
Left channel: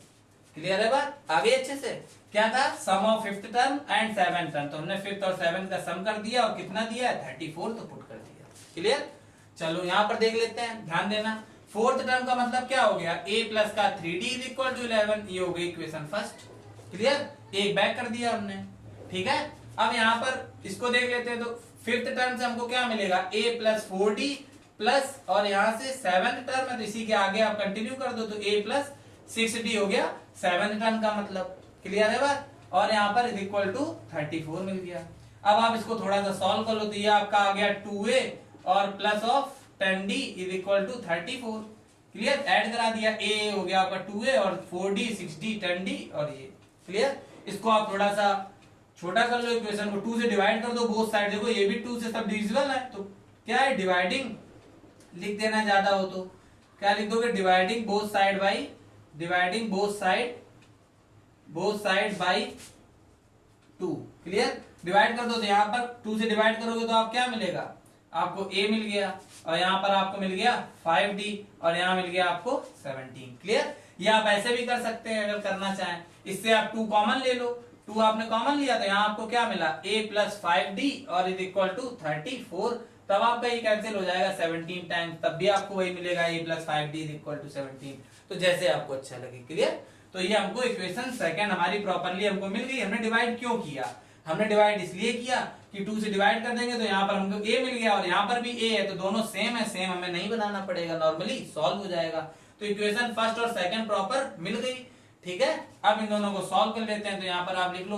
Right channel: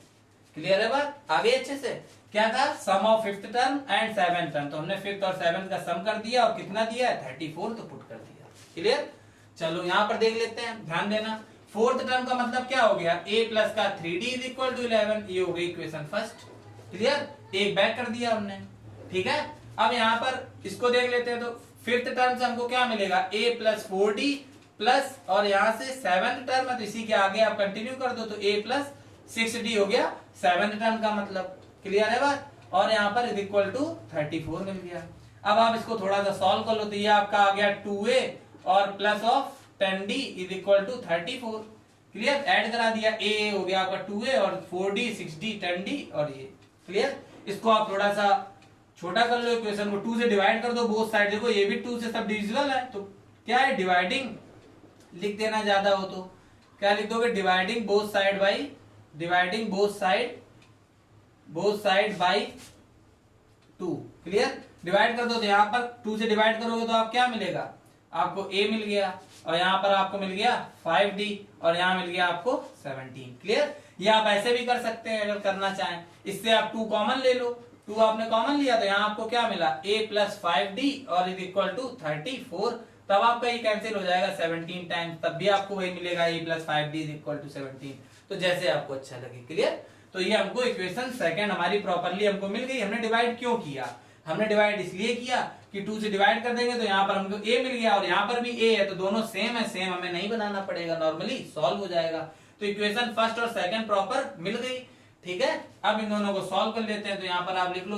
क्लियर है बात, आगे अच्छे से। क्या था, sum of fifth term and seventh term, तो हमने फिफ्थ और सेवेंथ का सम कर दिया और कितना दिया है 34, तो पुट कर दिया। क्लियर, चलो यहाँ पर देख लेते हैं, ध्यान देना। फोर्थ टर्म का मतलब क्या हो गया, a प्लस का 3d इज इक्वल टू 11, ये हो गई इक्वेशन फर्स्ट। क्लियर, एक बैक कर दिया हमने। ठीक है, अब यहाँ पर इसको देख लेते हैं। तो फिफ्थ टर्म से हमको क्या मिलेगा, a प्लस 4d प्लस, और यहाँ से सेवेंथ टर्म है तो इसी के आगे आप कंटिन्यू कर दो, तो a प्लस 6d हो गया सेवेंथ टर्म का मतलब। क्लियर है बात, और यहाँ पर इज इक्वल टू 34 मिल गया। अब आप इसको थोड़ा सा सॉल्व कर लो, तो ये आपका आ गया 2a और plus of 10d is equal to 34। Clear, add करा दिया, a हो गया आपका 2a और 4d 6d 10d और ये। क्लियर, इसको आप थोड़ा सा छोटा कर लो, इक्वेशन को 2 से डिवाइड कर दो बोथ साइड। देखो ये भी 2 से सब डिविजिबल है, तो क्या है डिवाइडिंग लिख देना, ज्यादा हो तो क्या लिख दोगे, dividing both side by 2। Clear, divide कर दो, तो यहाँ पर 2 से डिवाइड करोगे तो आप क्या मिलेगा, आपको a मिल गया, और यहाँ पर आपको मिल गया 5d, और यहाँ मिल गया आपको 17। क्लियर, ये आप ऐसे भी कर सकते हैं अगर करना चाहें। इससे आप 2 कॉमन ले लो, 2 आपने कॉमन लिया तो यहाँ आपको क्या मिला, a प्लस 5d और इज इक्वल टू 34। तब आपका ये कैंसिल हो जाएगा 17 टाइम्स, तब भी आपको वही मिलेगा a plus 5d is equal to 17। तो जैसे आपको अच्छा लगे। क्लियर, तो ये हमको इक्वेशन सेकंड हमारी प्रॉपरली हमको मिल गई। हमने डिवाइड क्यों किया, हमने डिवाइड इसलिए किया कि 2 से डिवाइड कर देंगे तो यहाँ पर हमको a मिल गया और यहाँ पर भी a है, तो दोनों सेम है, सेम हमें नहीं बनाना पड़ेगा, नॉर्मली सॉल्व हो जाएगा। तो इक्वेशन फर्स्ट और सेकंड प्रॉपर मिल गई। ठीक है, अब इन दोनों को सॉल्व कर लेते हैं। तो यहाँ पर आप लिख लो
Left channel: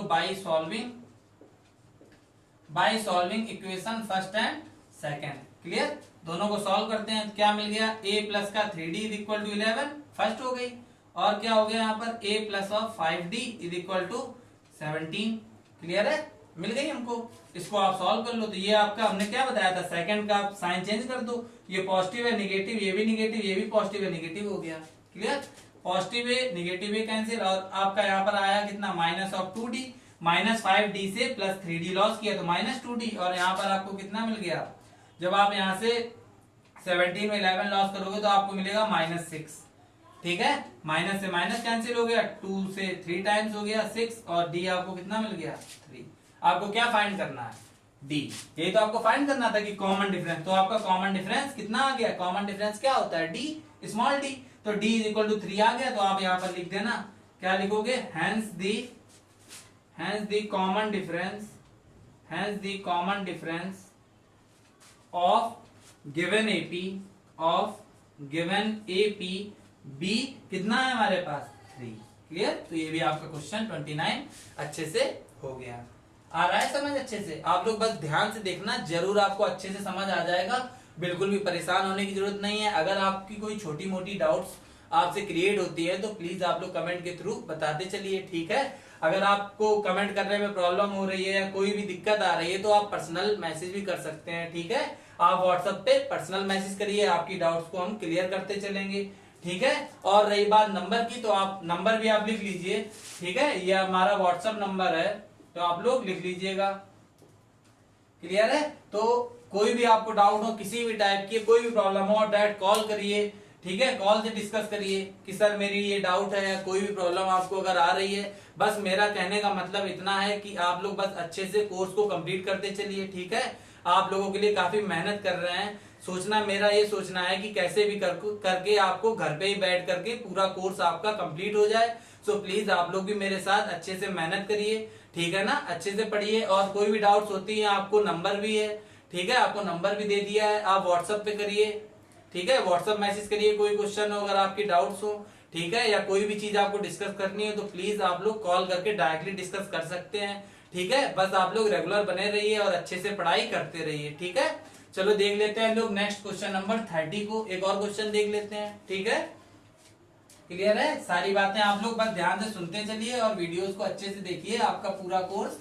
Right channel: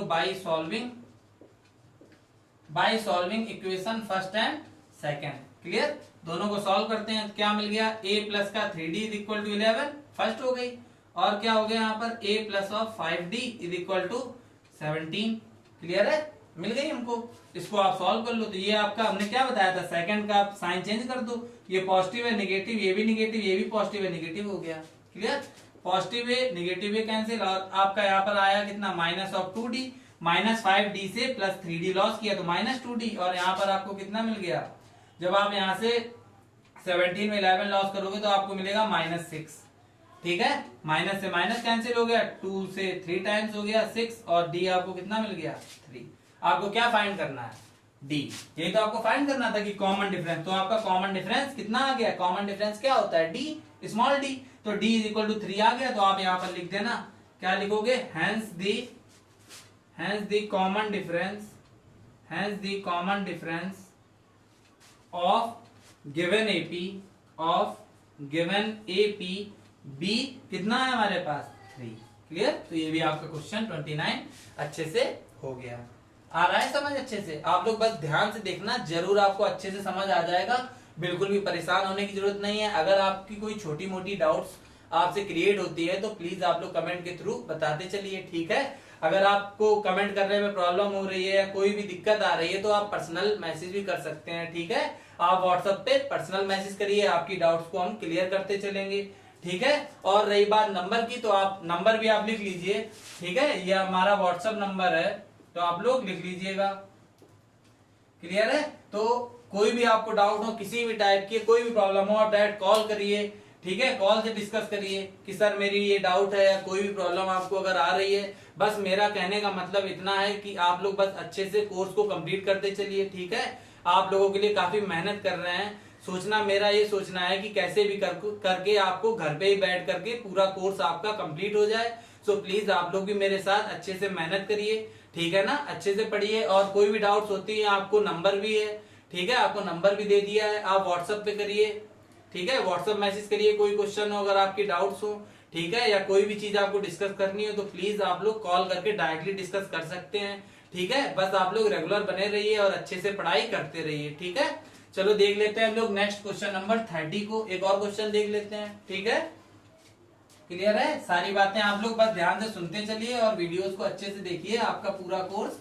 by solving equation first and second. Clear, दोनों को सॉल्व करते हैं, क्या मिल गया, a प्लस का 3d is equal to 11 first हो गई, और क्या हो गया यहाँ पर a plus of 5d is equal to 17। Clear है, मिल गई हमको। इसको आप सॉल्व कर लो, तो ये आपका हमने क्या बताया था, सेकंड का आप साइन चेंज कर दो, ये पॉजिटिव है नेगेटिव, ये भी नेगेटिव, ये भी पॉजिटिव है नेगेटिव हो गया। क्लियर, पॉजिटिव ए निगेटिव ए कैंसिल, और आपका यहाँ पर आया कितना minus of 2d, minus 5d से प्लस 3d लॉस किया तो माइनस 2d, और यहाँ पर आपको कितना मिल गया, जब आप यहाँ से 17 में 11 लॉस करोगे तो आपको मिलेगा -6। ठीक है, माइनस से माइनस कैंसिल हो गया, 2 से 3 टाइम्स हो गया 6, और d आपको कितना मिल गया 3। आपको क्या फाइंड करना है, d। यही तो आपको फाइंड करना था कि कॉमन डिफरेंस, तो आपका कॉमन डिफरेंस कितना आ गया, कॉमन डिफरेंस क्या होता है d, स्मॉल d, तो d इज इक्वल टू 3 आ गया। तो आप यहाँ पर लिख देना, क्या लिखोगे, hence the common difference of given AP B कितना है हमारे पास 3। क्लियर, तो ये भी आपका क्वेश्चन 29 अच्छे से हो गया। आ रहा है समझ अच्छे से, आप लोग बस ध्यान से देखना, जरूर आपको अच्छे से समझ आ जाएगा, बिल्कुल भी परेशान होने की जरूरत नहीं है। अगर आपकी कोई छोटी मोटी डाउट्स आपसे क्रिएट होती है तो प्लीज आप लोग कमेंट के थ्रू बताते चलिए। ठीक है, अगर आपको कमेंट करने में प्रॉब्लम हो रही है या कोई भी दिक्कत आ रही है तो आप पर्सनल मैसेज भी कर सकते हैं। ठीक है, आप व्हाट्सएप पे पर्सनल मैसेज करिए, आपकी डाउट्स को हम क्लियर करते चलेंगे। ठीक है, और रही बात नंबर की, तो आप नंबर भी आप लिख लीजिए। ठीक है, ये हमारा व्हाट्सएप नंबर है, तो आप लोग लिख लीजिएगा। क्लियर है, तो कोई भी आपको डाउट हो, किसी भी टाइप की कोई भी प्रॉब्लम हो, डायरेक्ट कॉल करिए। ठीक है, कॉल से डिस्कस करिए कि सर मेरी ये डाउट है या कोई भी प्रॉब्लम आपको अगर आ रही है। बस मेरा कहने का मतलब इतना है कि आप लोग बस अच्छे से कोर्स को कंप्लीट करते चलिए। ठीक है, आप लोगों के लिए काफी मेहनत कर रहे हैं, मेरा ये सोचना है कि कैसे भी करके आपको घर पे ही बैठ करके पूरा कोर्स आपका कंप्लीट हो जाए। सो प्लीज आप लोग भी मेरे साथ अच्छे से मेहनत करिए। ठीक है ना, अच्छे से पढ़िए, और कोई भी डाउट्स होती है आपको नंबर भी है। ठीक है, आपको नंबर भी दे दिया है, आप व्हाट्सएप पे करिए। ठीक है, व्हाट्सएप मैसेज करिए, कोई क्वेश्चन हो अगर आपकी डाउट्स हो। ठीक है, या कोई भी चीज आपको डिस्कस करनी हो तो प्लीज आप लोग कॉल करके डायरेक्टली डिस्कस कर सकते हैं। ठीक है, बस आप लोग रेगुलर बने रहिए और अच्छे से पढ़ाई करते रहिए। ठीक है, चलो देख लेते हैं हम लोग नेक्स्ट क्वेश्चन नंबर 30 को, एक और क्वेश्चन देख लेते हैं। ठीक है, क्लियर है, सारी बातें आप लोग बस ध्यान से सुनते चलिए और वीडियोस को अच्छे से देखिए, आपका पूरा कोर्स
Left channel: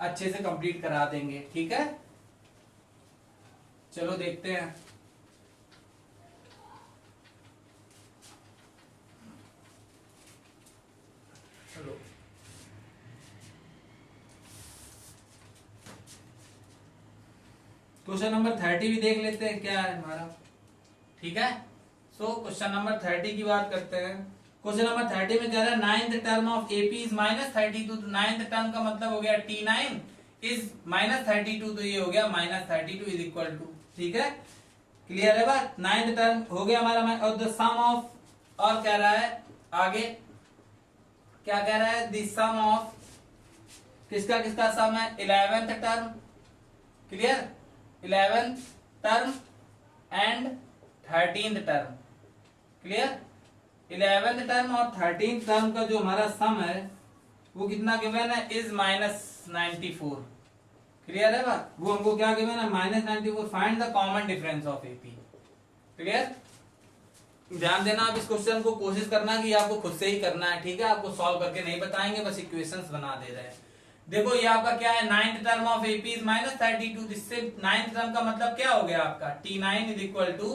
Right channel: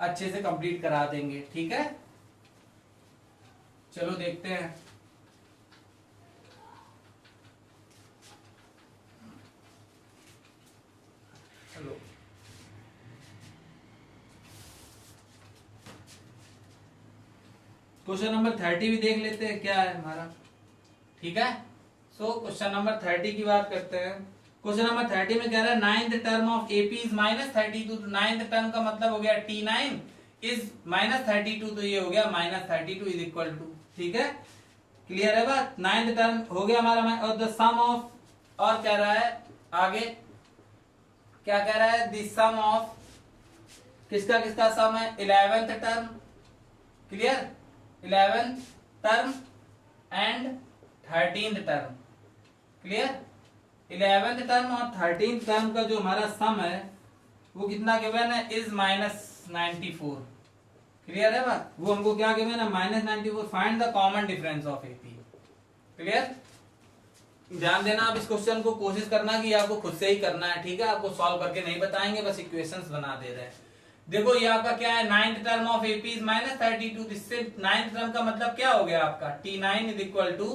अच्छे से कंप्लीट करा देंगे। ठीक है, चलो देखते हैं। चलो क्वेश्चन नंबर 30 भी देख लेते हैं क्या है हमारा। ठीक है, सो क्वेश्चन नंबर 30 की बात करते हैं। क्वेश्चन नंबर 30 में कह रहा है ninth term of AP is -32। तो नाइन्थ टर्म का मतलब हो गया T9 इज -32, तो ये हो गया -32 इज इक्वल टू। ठीक है, क्लियर है बात, नाइन्थ टर्म हो गया हमारा। और द सम ऑफ, और कह रहा है आगे क्या कह रहा है, द सम ऑफ किसका किसका सम है, 11th term. Clear, 11th term and 13th term. Clear, 11th term और 13th टर्म का जो हमारा सम है वो कितना गिवन है, इज -94। क्लियर है बात, वो हमको क्या गिवन है, -94। Find the common difference of AP. Clear, ध्यान देना आप इस क्वेश्चन को, कोशिश करना कि आपको खुद से ही करना है। ठीक है, आपको सॉल्व करके नहीं बताएंगे, बस इक्वेशंस बना दे रहे हैं। देखो ये आपका क्या है, ninth term of AP is -32। इससे नाइन्थ टर्म का मतलब क्या हो गया आपका, T9 इज इक्वल टू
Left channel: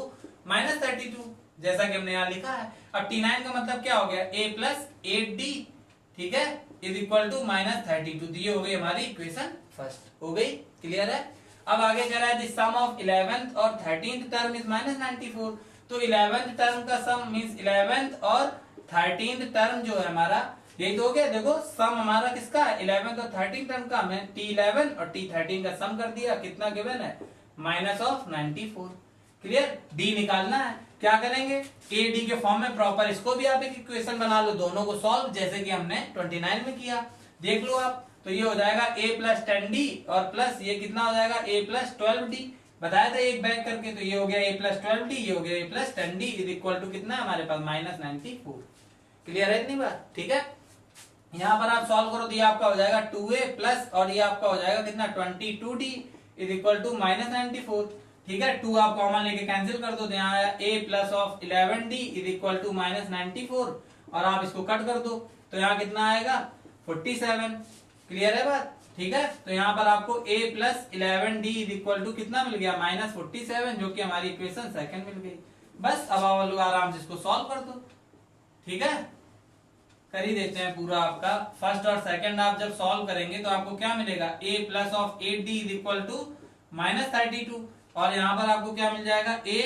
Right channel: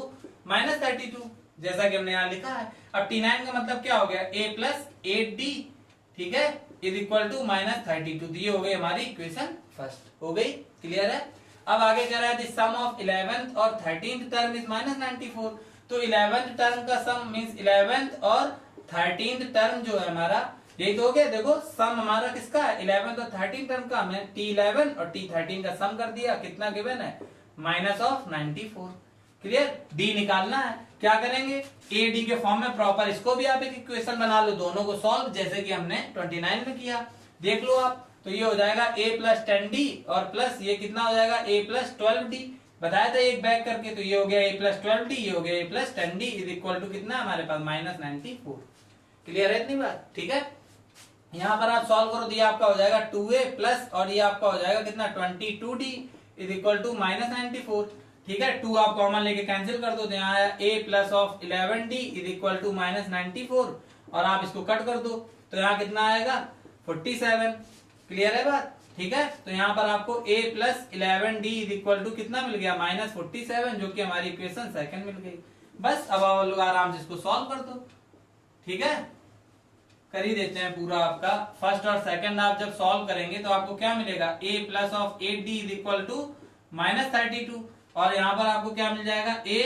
-32, जैसा कि हमने यहाँ लिखा है। अब T9 का मतलब क्या हो गया, A प्लस 8D। ठीक है, इज इक्वल टू -32। ये हो गई हमारी इक्वेशन फर्स्ट, हो गई। क्लियर है, अब आगे कह रहा है सम ऑफ 11th और 13th टर्म इज -94। तो 11th टर्म का सम मींस 11th और 13th टर्म जो है हमारा, यही तो हो गया। देखो सम हमारा किसका है, 11th और 13th टर्म का, हमने T11 और T13 का सम कर दिया, कितना गिवन है, -94। क्लियर, D निकालना है, क्या करेंगे, AD के फॉर्म में प्रॉपर इसको भी आप एक इक्वेशन बना लो, दोनों को सॉल्व, जैसे कि हमने 29 में किया। देख लो आप, तो ये हो जाएगा A प्लस 10D और प्लस ये कितना हो जाएगा, A प्लस 12D। बताया था एक बैक करके, तो ये हो गया A प्लस 12D, ये हो गया A plus 10D is equal to कितना हमारे पास, -94। क्लियर है इतनी बात। ठीक है, यहाँ पर आप सॉल्व करो तो ये आपका हो जाएगा 2A प्लस, और ये आपका हो जाएगा कितना, 22D इज इक्वल टू -94। ठीक है, 2 आप कॉमन लेके कैंसिल कर दो, तो यहाँ आया A plus of 11D is equal to -94, और आप इसको कट कर दो तो यहाँ कितना आएगा, 47। क्लियर है बात। ठीक है, तो यहाँ पर आपको A plus 11D is equal to कितना मिल गया, -47, जो कि हमारी इक्वेशन सेकंड मिल गई। बस अब आप लोग आराम से इसको सॉल्व कर दो। ठीक है, कर ही देते हैं पूरा आपका। फर्स्ट और सेकंड आप जब सॉल्व करेंगे तो आपको क्या मिलेगा, a plus of 8d is equal to -32, और यहां पर आपको क्या मिल जाएगा, a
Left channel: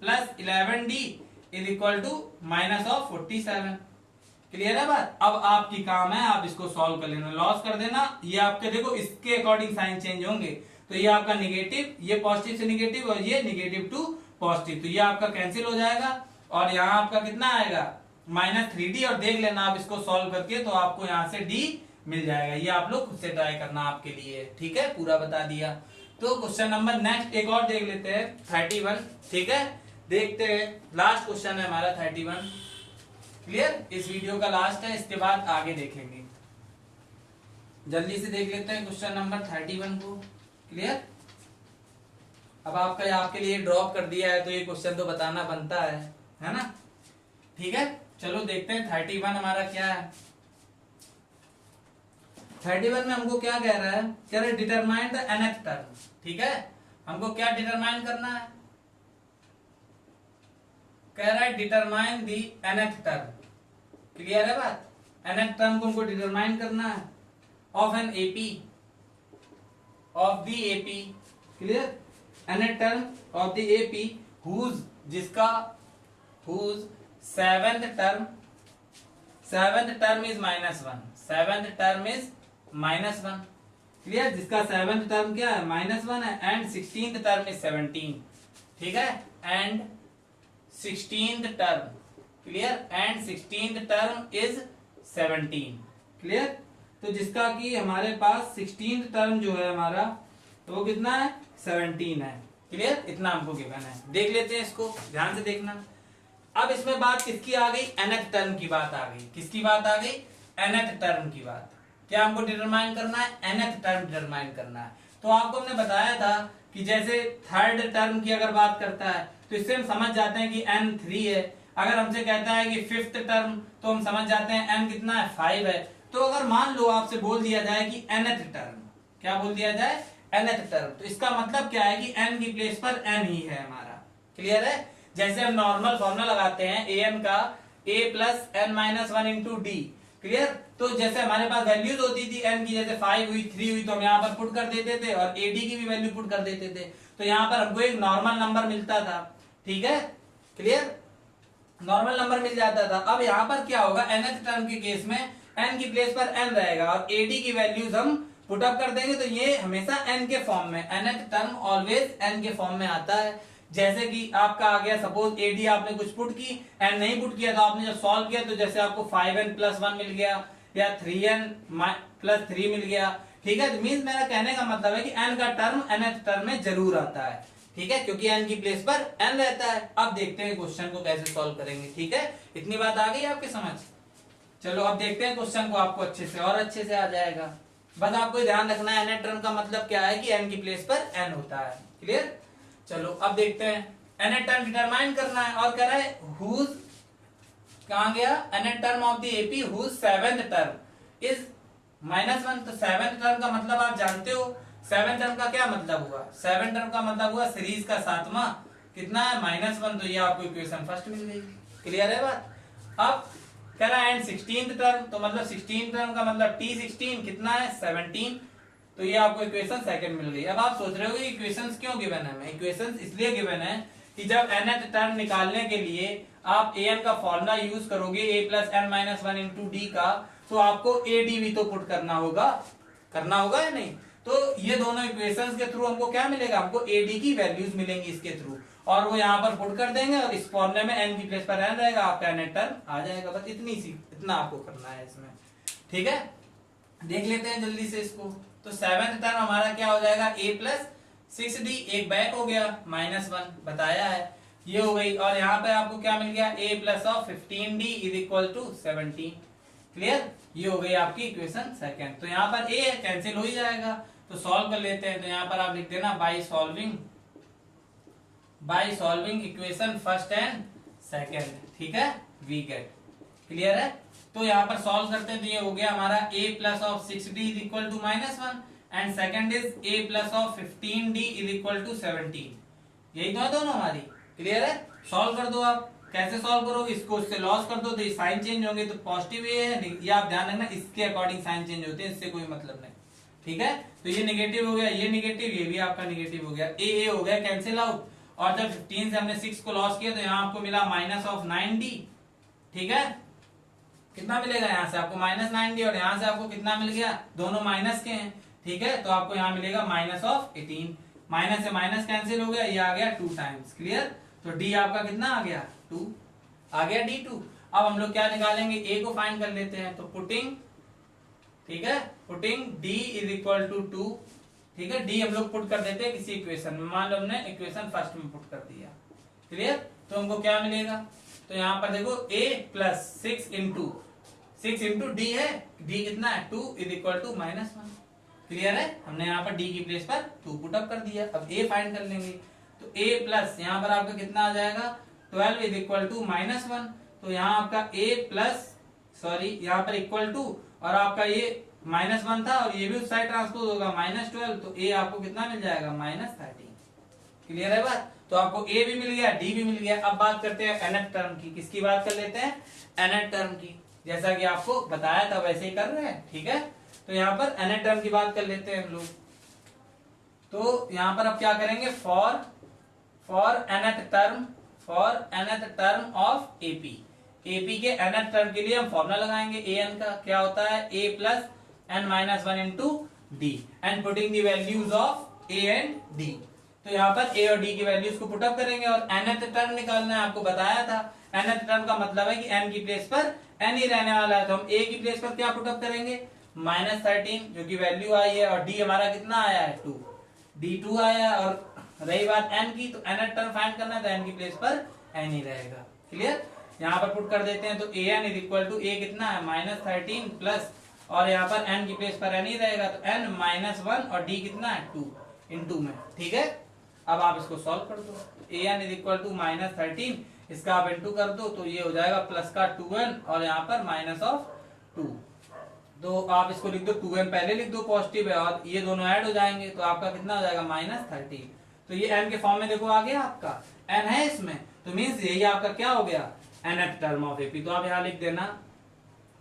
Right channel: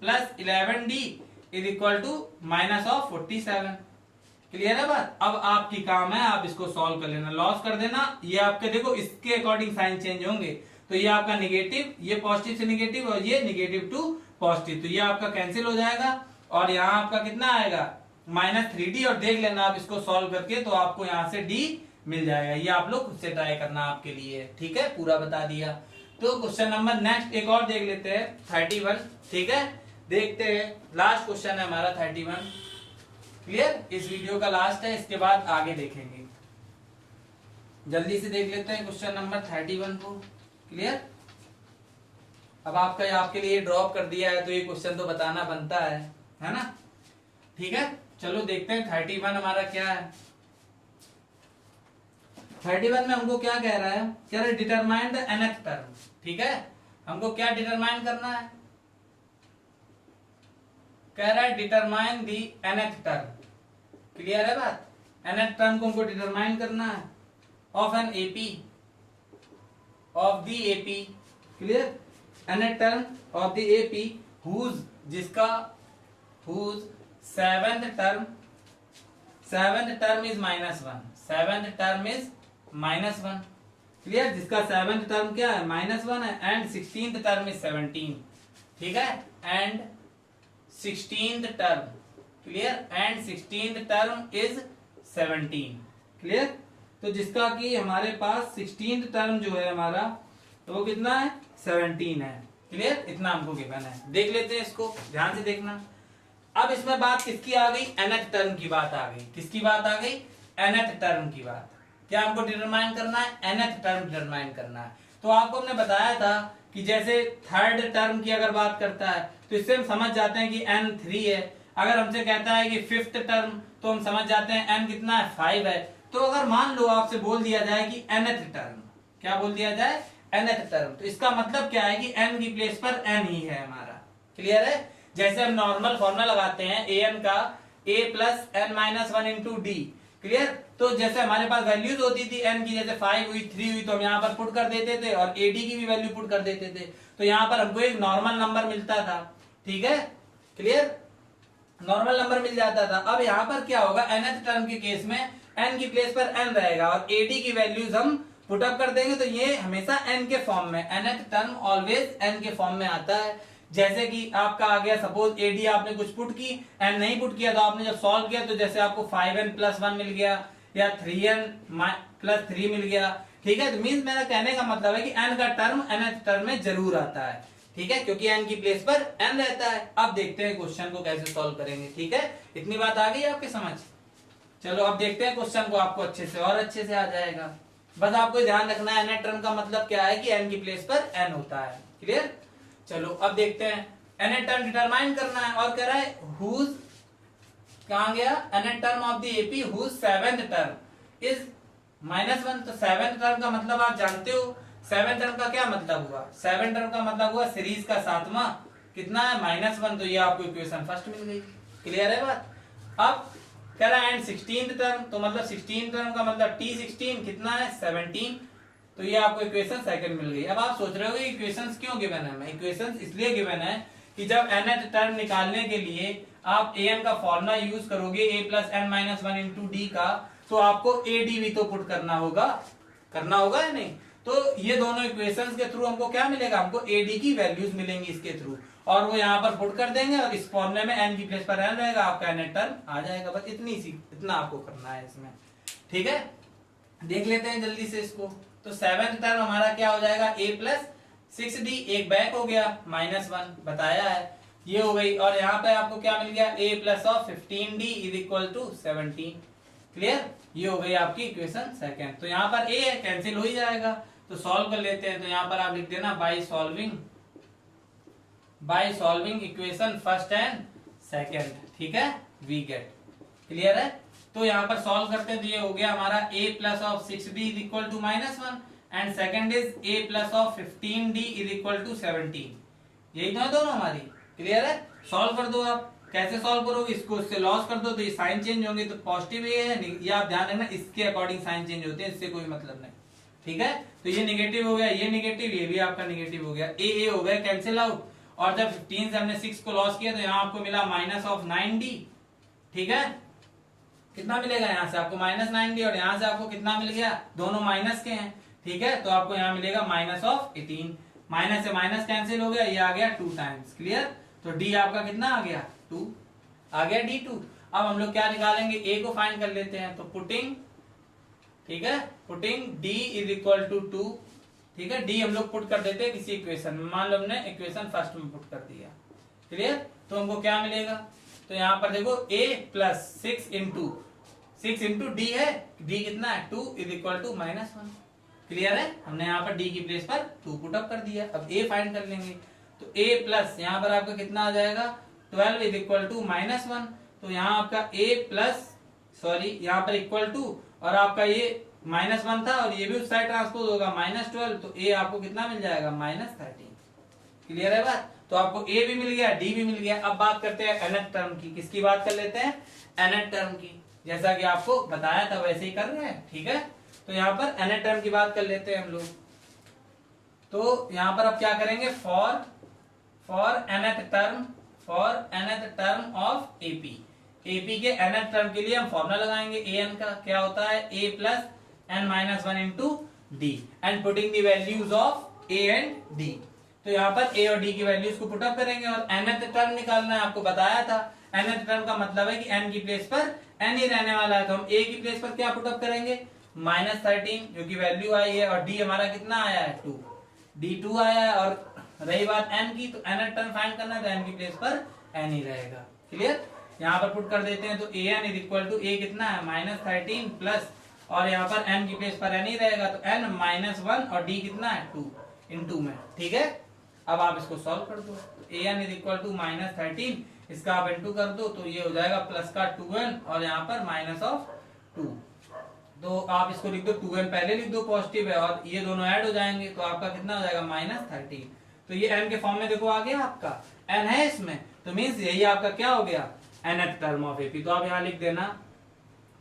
plus 11d is equal to -47। Clear है बात। अब आपकी काम है आप इसको सॉल्व कर लेना, लॉस कर देना। ये आपके देखो इसके अकॉर्डिंग साइन चेंज होंगे, तो ये आपका निगेटिव, ये पॉजिटिव से निगेटिव और ये निगेटिव टू पॉजिटिव, तो ये आपका कैंसिल हो जाएगा और यहाँ आपका कितना आएगा, -3d। और देख लेना आप इसको सॉल्व करके तो आपको यहाँ से d मिल जाएगा। ये आप लोग खुद से ट्राई करना आपके लिए, ठीक है, पूरा बता दिया। तो क्वेश्चन नंबर नेक्स्ट एक और देख लेते हैं 31, ठीक है, देखते हैं। लास्ट क्वेश्चन है हमारा 31, क्लियर, इस वीडियो का लास्ट है, इसके बाद आगे देखेंगे। जल्दी से देख लेते हैं क्वेश्चन नंबर 31 को, क्लियर। अब आपका आपके लिए ड्रॉप कर दिया है तो ये क्वेश्चन तो बताना बनता है ना, ठीक है। चलो देखते हैं 31 हमारा क्या है। 31 में हमको क्या कह रहा है, कह रहा है डिटरमाइन द nth टर्म, ठीक है। हमको क्या डिटरमाइन करना है, कह रहा है determine the nth term, clear है बात। nth टर्म को हमको डिटरमाइन करना है of an AP, of the AP, clear, nth term of the AP whose, जिसका whose seventh term is -1, seventh term is -1, clear, जिसका सेवेंथ टर्म क्या है, -1 है, एंड 16th टर्म इज 17, ठीक है, and 16th term, clear, and 16th term is 17, clear. तो जिसका कि हमारे पास 16th टर्म जो है हमारा, तो वो कितना है, 17 है, क्लियर, इतना हमको गिवन है। देख लेते हैं इसको, ध्यान से देखना। अब इसमें बात किसकी आ गई, nth टर्म की बात आ गई। किसकी बात आ गई, nth टर्म की बात। क्या हमको डिटरमाइन करना है, nth टर्म डिटरमाइन करना है। तो आपको हमने बताया था कि जैसे थर्ड टर्म की अगर बात करता है तो इससे हम समझ जाते हैं कि n 3 है। अगर हमसे कहता है कि फिफ्थ टर्म, तो हम समझ जाते हैं n कितना है, 5 है। तो अगर मान लो आपसे बोल दिया जाए कि nth टर्म, क्या बोल दिया जाए, nth टर्म, तो इसका मतलब क्या है कि n की प्लेस पर n ही है हमारा, क्लियर है। जैसे हम नॉर्मल फॉर्मूला लगाते हैं an का a plus n minus 1 into D, clear. तो जैसे हमारे पास वैल्यूज होती थी n की, जैसे 5 हुई, 3 हुई, तो हम यहाँ पर पुट कर देते थे और ad की भी वैल्यू पुट कर देते थे, तो यहाँ पर हमको एक नॉर्मल नंबर मिलता था, ठीक है, क्लियर, नॉर्मल नंबर मिल जाता था। अब यहाँ पर क्या होगा, nth टर्म के केस में n की प्लेस पर n रहेगा और ad की वैल्यूज हम पुट अप कर देंगे, तो ये हमेशा n के फॉर्म में, nth टर्म ऑलवेज n के फॉर्म में आता है। जैसे कि आपका आ गया, सपोज ad आपने कुछ पुट की, n नहीं पुट किया, तो आपने जब सॉल्व किया तो जैसे आपको 5n प्लस 1 मिल गया या 3n प्लस 3 मिल गया, ठीक है। तो मीन्स मेरा कहने का मतलब है कि n का टर्म nth टर्म में जरूर आता है, ठीक है, क्योंकि n की प्लेस पर n रहता है। अब देखते हैं क्वेश्चन को कैसे सॉल्व करेंगे, ठीक है, इतनी बात आ गई आपके समझ। चलो अब देखते हैं क्वेश्चन को, आपको अच्छे से और अच्छे से आ जाएगा। बस आपको ध्यान रखना है nth टर्म का मतलब क्या है कि n की प्लेस पर n होता है, क्लियर। चलो अब देखते हैं, nth टर्म डिटरमाइन करना है और कह रहा है हुज, कहां गया, nth term of the AP whose seventh term is -1। तो सेवेंथ टर्म का मतलब आप जानते हो, सेवेंथ टर्म का क्या मतलब हुआ, सेवेंथ टर्म का मतलब हुआ सीरीज का सातवां, कितना है, -1। तो ये आपको इक्वेशन फर्स्ट मिल गई, क्लियर है बात। अब कह रहा है एंड 16th टर्म, तो मतलब 16th टर्म का मतलब t16 कितना है, 17, तो ये आपको इक्वेशन सेकंड मिल गई। अब आप सोच रहे हो कि इक्वेशंस क्यों गिवन है, इक्वेशंस इसलिए गिवन है कि जब nth टर्म निकालने के लिए आप an का फॉर्मूला यूज करोगे a plus n minus 1 into D का, तो आपको ad भी तो पुट करना होगा या नहीं। तो ये दोनों इक्वेशंस के थ्रू हमको क्या मिलेगा, हमको ad की वैल्यूज मिलेंगी इसके थ्रू, और वो यहाँ पर पुट कर देंगे और इस फॉर्मूले में n की प्लेस पर n रहेगा, आपका nth टर्म आ जाएगा। बस इतना आपको करना है इसमें, ठीक है। देख लेते हैं जल्दी से इसको। तो सेवेंथ टर्म हमारा क्या हो जाएगा, a प्लस 6d, एक बैक हो गया, -1 बताया है, ये हो गई। और यहाँ पे आपको क्या मिल गया, a plus of 15d is equal to 17, clear, ये हो गई आपकी इक्वेशन सेकंड। तो यहाँ पर a कैंसिल हो ही जाएगा, तो सॉल्व कर लेते हैं। तो यहाँ पर आप लिख देना bye solving equation first and second, ठीक है, वी गेट, क्लियर है। तो यहाँ पर सॉल्व करते हैं, तो ये हो गया हमारा a plus of 6d is equal to -1 and second is a plus of 15d is equal to 17, यही तो है दोनों हमारी, क्लियर है। सॉल्व कर दो आप, कैसे सॉल्व करोगे, इसको इससे लॉस कर दो तो ये साइन चेंज होंगे, तो पॉजिटिव ये है, ये आप ध्यान रखना इसके अकॉर्डिंग साइन चेंज होते हैं, इससे कोई मतलब नहीं, ठीक है। तो ये निगेटिव हो गया, ये निगेटिव, ये भी आपका निगेटिव हो गया, ए हो गया कैंसिल आउट। और जब 15 से हमने 6 को लॉस किया तो यहाँ आपको मिला -9d, ठीक है। कितना मिलेगा यहाँ से आपको -9d, और यहाँ से आपको कितना मिल गया, दोनों माइनस के हैं, ठीक है। तो आपको यहाँ मिलेगा -18, माइनस से माइनस कैंसिल हो गया, ये आ गया 2 टाइम्स, क्लियर। तो डी आपका कितना आ गया, 2 आ गया, D2। अब हम लोग क्या निकालेंगे, ए को फाइंड कर लेते हैं, तो पुटिंग, ठीक है, putting D is equal to 2, ठीक है। डी हम लोग पुट कर देते हैं किसी इक्वेशन में, मान लो हमने इक्वेशन फर्स्ट में पुट कर दिया, क्लियर। तो हमको क्या मिलेगा, तो यहाँ पर देखो a प्लस 6 इंटू डी है, डी कितना है 2 इज इक्वल टू -1, क्लियर है। हमने यहाँ पर डी की प्लेस पर 2 पुट अप कर दिया। अब a फाइंड कर लेंगे, तो a प्लस यहाँ पर आपका कितना आ जाएगा 12 इज इक्वल टू -1, तो यहाँ आपका a प्लस यहाँ पर इक्वल टू, और आपका ये -1 था और ये भी उस साइड ट्रांसपोज होगा -12, तो a आपको कितना मिल जाएगा -13, क्लियर है बात। तो आपको a भी मिल गया, d भी मिल गया। अब बात करते हैं nth टर्म की, किसकी बात कर लेते हैं, nth टर्म की, जैसा कि आपको बताया था वैसे ही कर रहे हैं, ठीक है। तो यहाँ पर nth टर्म की बात कर लेते हैं हम लोग। तो यहाँ पर अब क्या करेंगे, for nth term of AP के nth टर्म के लिए हम फॉर्मूला लगाएंगे an का, क्या होता है a plus n-1 into D, and putting the values of a and d। तो यहाँ पर a और d की वैल्यूज को पुट अप करेंगे और nth टर्म निकालना है, आपको बताया था। nth टर्म का मतलब है कि n की प्लेस पर n ही रहने वाला है, तो हम a की प्लेस पर क्या पुट अप करेंगे, -13 जो कि वैल्यू आई है, और d हमारा कितना आया है 2, d2 आया है। और रही बात n की, तो nth टर्म फाइंड करना है, तो n की प्लेस पर n ही रहेगा, क्लियर। यहाँ पर पुट कर देते हैं, तो an is equal to a कितना है -13 प्लस, और यहाँ पर n की प्लेस पर n ही रहेगा, तो n-1, और d कितना है 2 इंटू में, ठीक है। अब आप इसको सॉल्व कर दो, an इज इक्वल टू -13, इसका आप इंटू कर दो, तो ये हो जाएगा प्लस का 2n और यहाँ पर -2, तो आप इसको लिख दो, 2n पहले लिख दो पॉजिटिव है, और ये दोनों ऐड हो जाएंगे, तो आपका कितना हो जाएगा -13। तो ये n के फॉर्म में देखो आ गया, आपका n है इसमें, तो मीन्स यही आपका क्या हो गया, nth टर्म ऑफ एपी। तो आप यहां लिख देना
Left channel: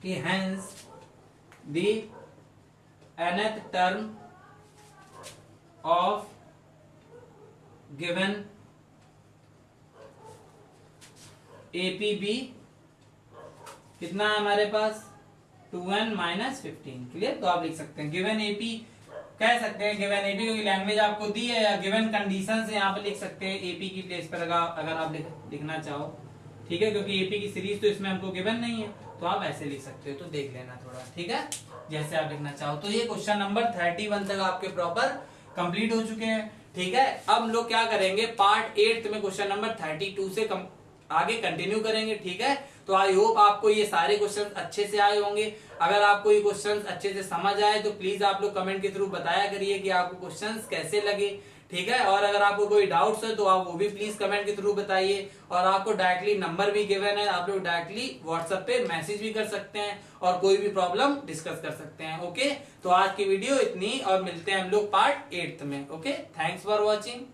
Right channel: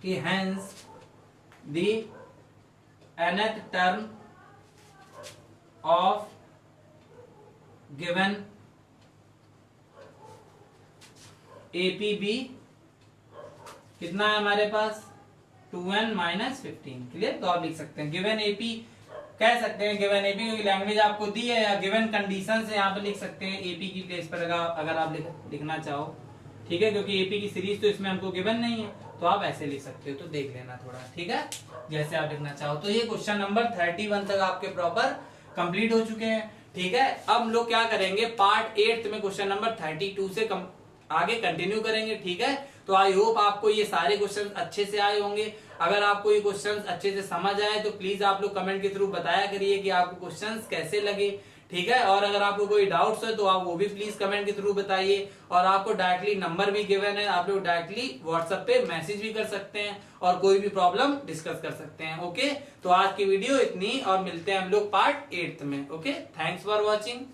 कि hence the nth term of given APB कितना है हमारे पास 2n - 15, क्लियर। तो आप लिख सकते हैं गिवन एपी, कह सकते हैं गिवन एपी क्योंकि लैंग्वेज आपको दी है, या गिवन कंडीशन से यहाँ पर लिख सकते हैं एपी की प्लेस पर अगर आप लिखना चाहो, ठीक है, क्योंकि एपी की सीरीज तो इसमें हमको गिवन नहीं है, तो आप ऐसे लिख सकते हो, तो देख लेना थोड़ा, ठीक है, जैसे आप लिखना चाहो। तो ये क्वेश्चन नंबर 31 तक आपके प्रॉपर कंप्लीट हो चुके हैं, ठीक है। अब हम लोग क्या करेंगे, पार्ट 8 में क्वेश्चन नंबर 32 से आगे कंटिन्यू करेंगे, ठीक है। तो आई होप आपको ये सारे क्वेश्चंस अच्छे से आए होंगे। अगर आपको ये क्वेश्चंस अच्छे से समझ आए तो प्लीज आप लोग कमेंट के थ्रू बताया करिए कि आपको क्वेश्चंस कैसे लगे, ठीक है। और अगर आपको कोई डाउट्स है तो आप वो भी प्लीज कमेंट के थ्रू बताइए, और आपको डायरेक्टली नंबर भी गिवन है, आप लोग डायरेक्टली व्हाट्सएप पे मैसेज भी कर सकते हैं और कोई भी प्रॉब्लम डिस्कस कर सकते हैं, ओके। तो आज की वीडियो इतनी, और मिलते हैं हम लोग पार्ट 8 में, ओके। Thanks for watching.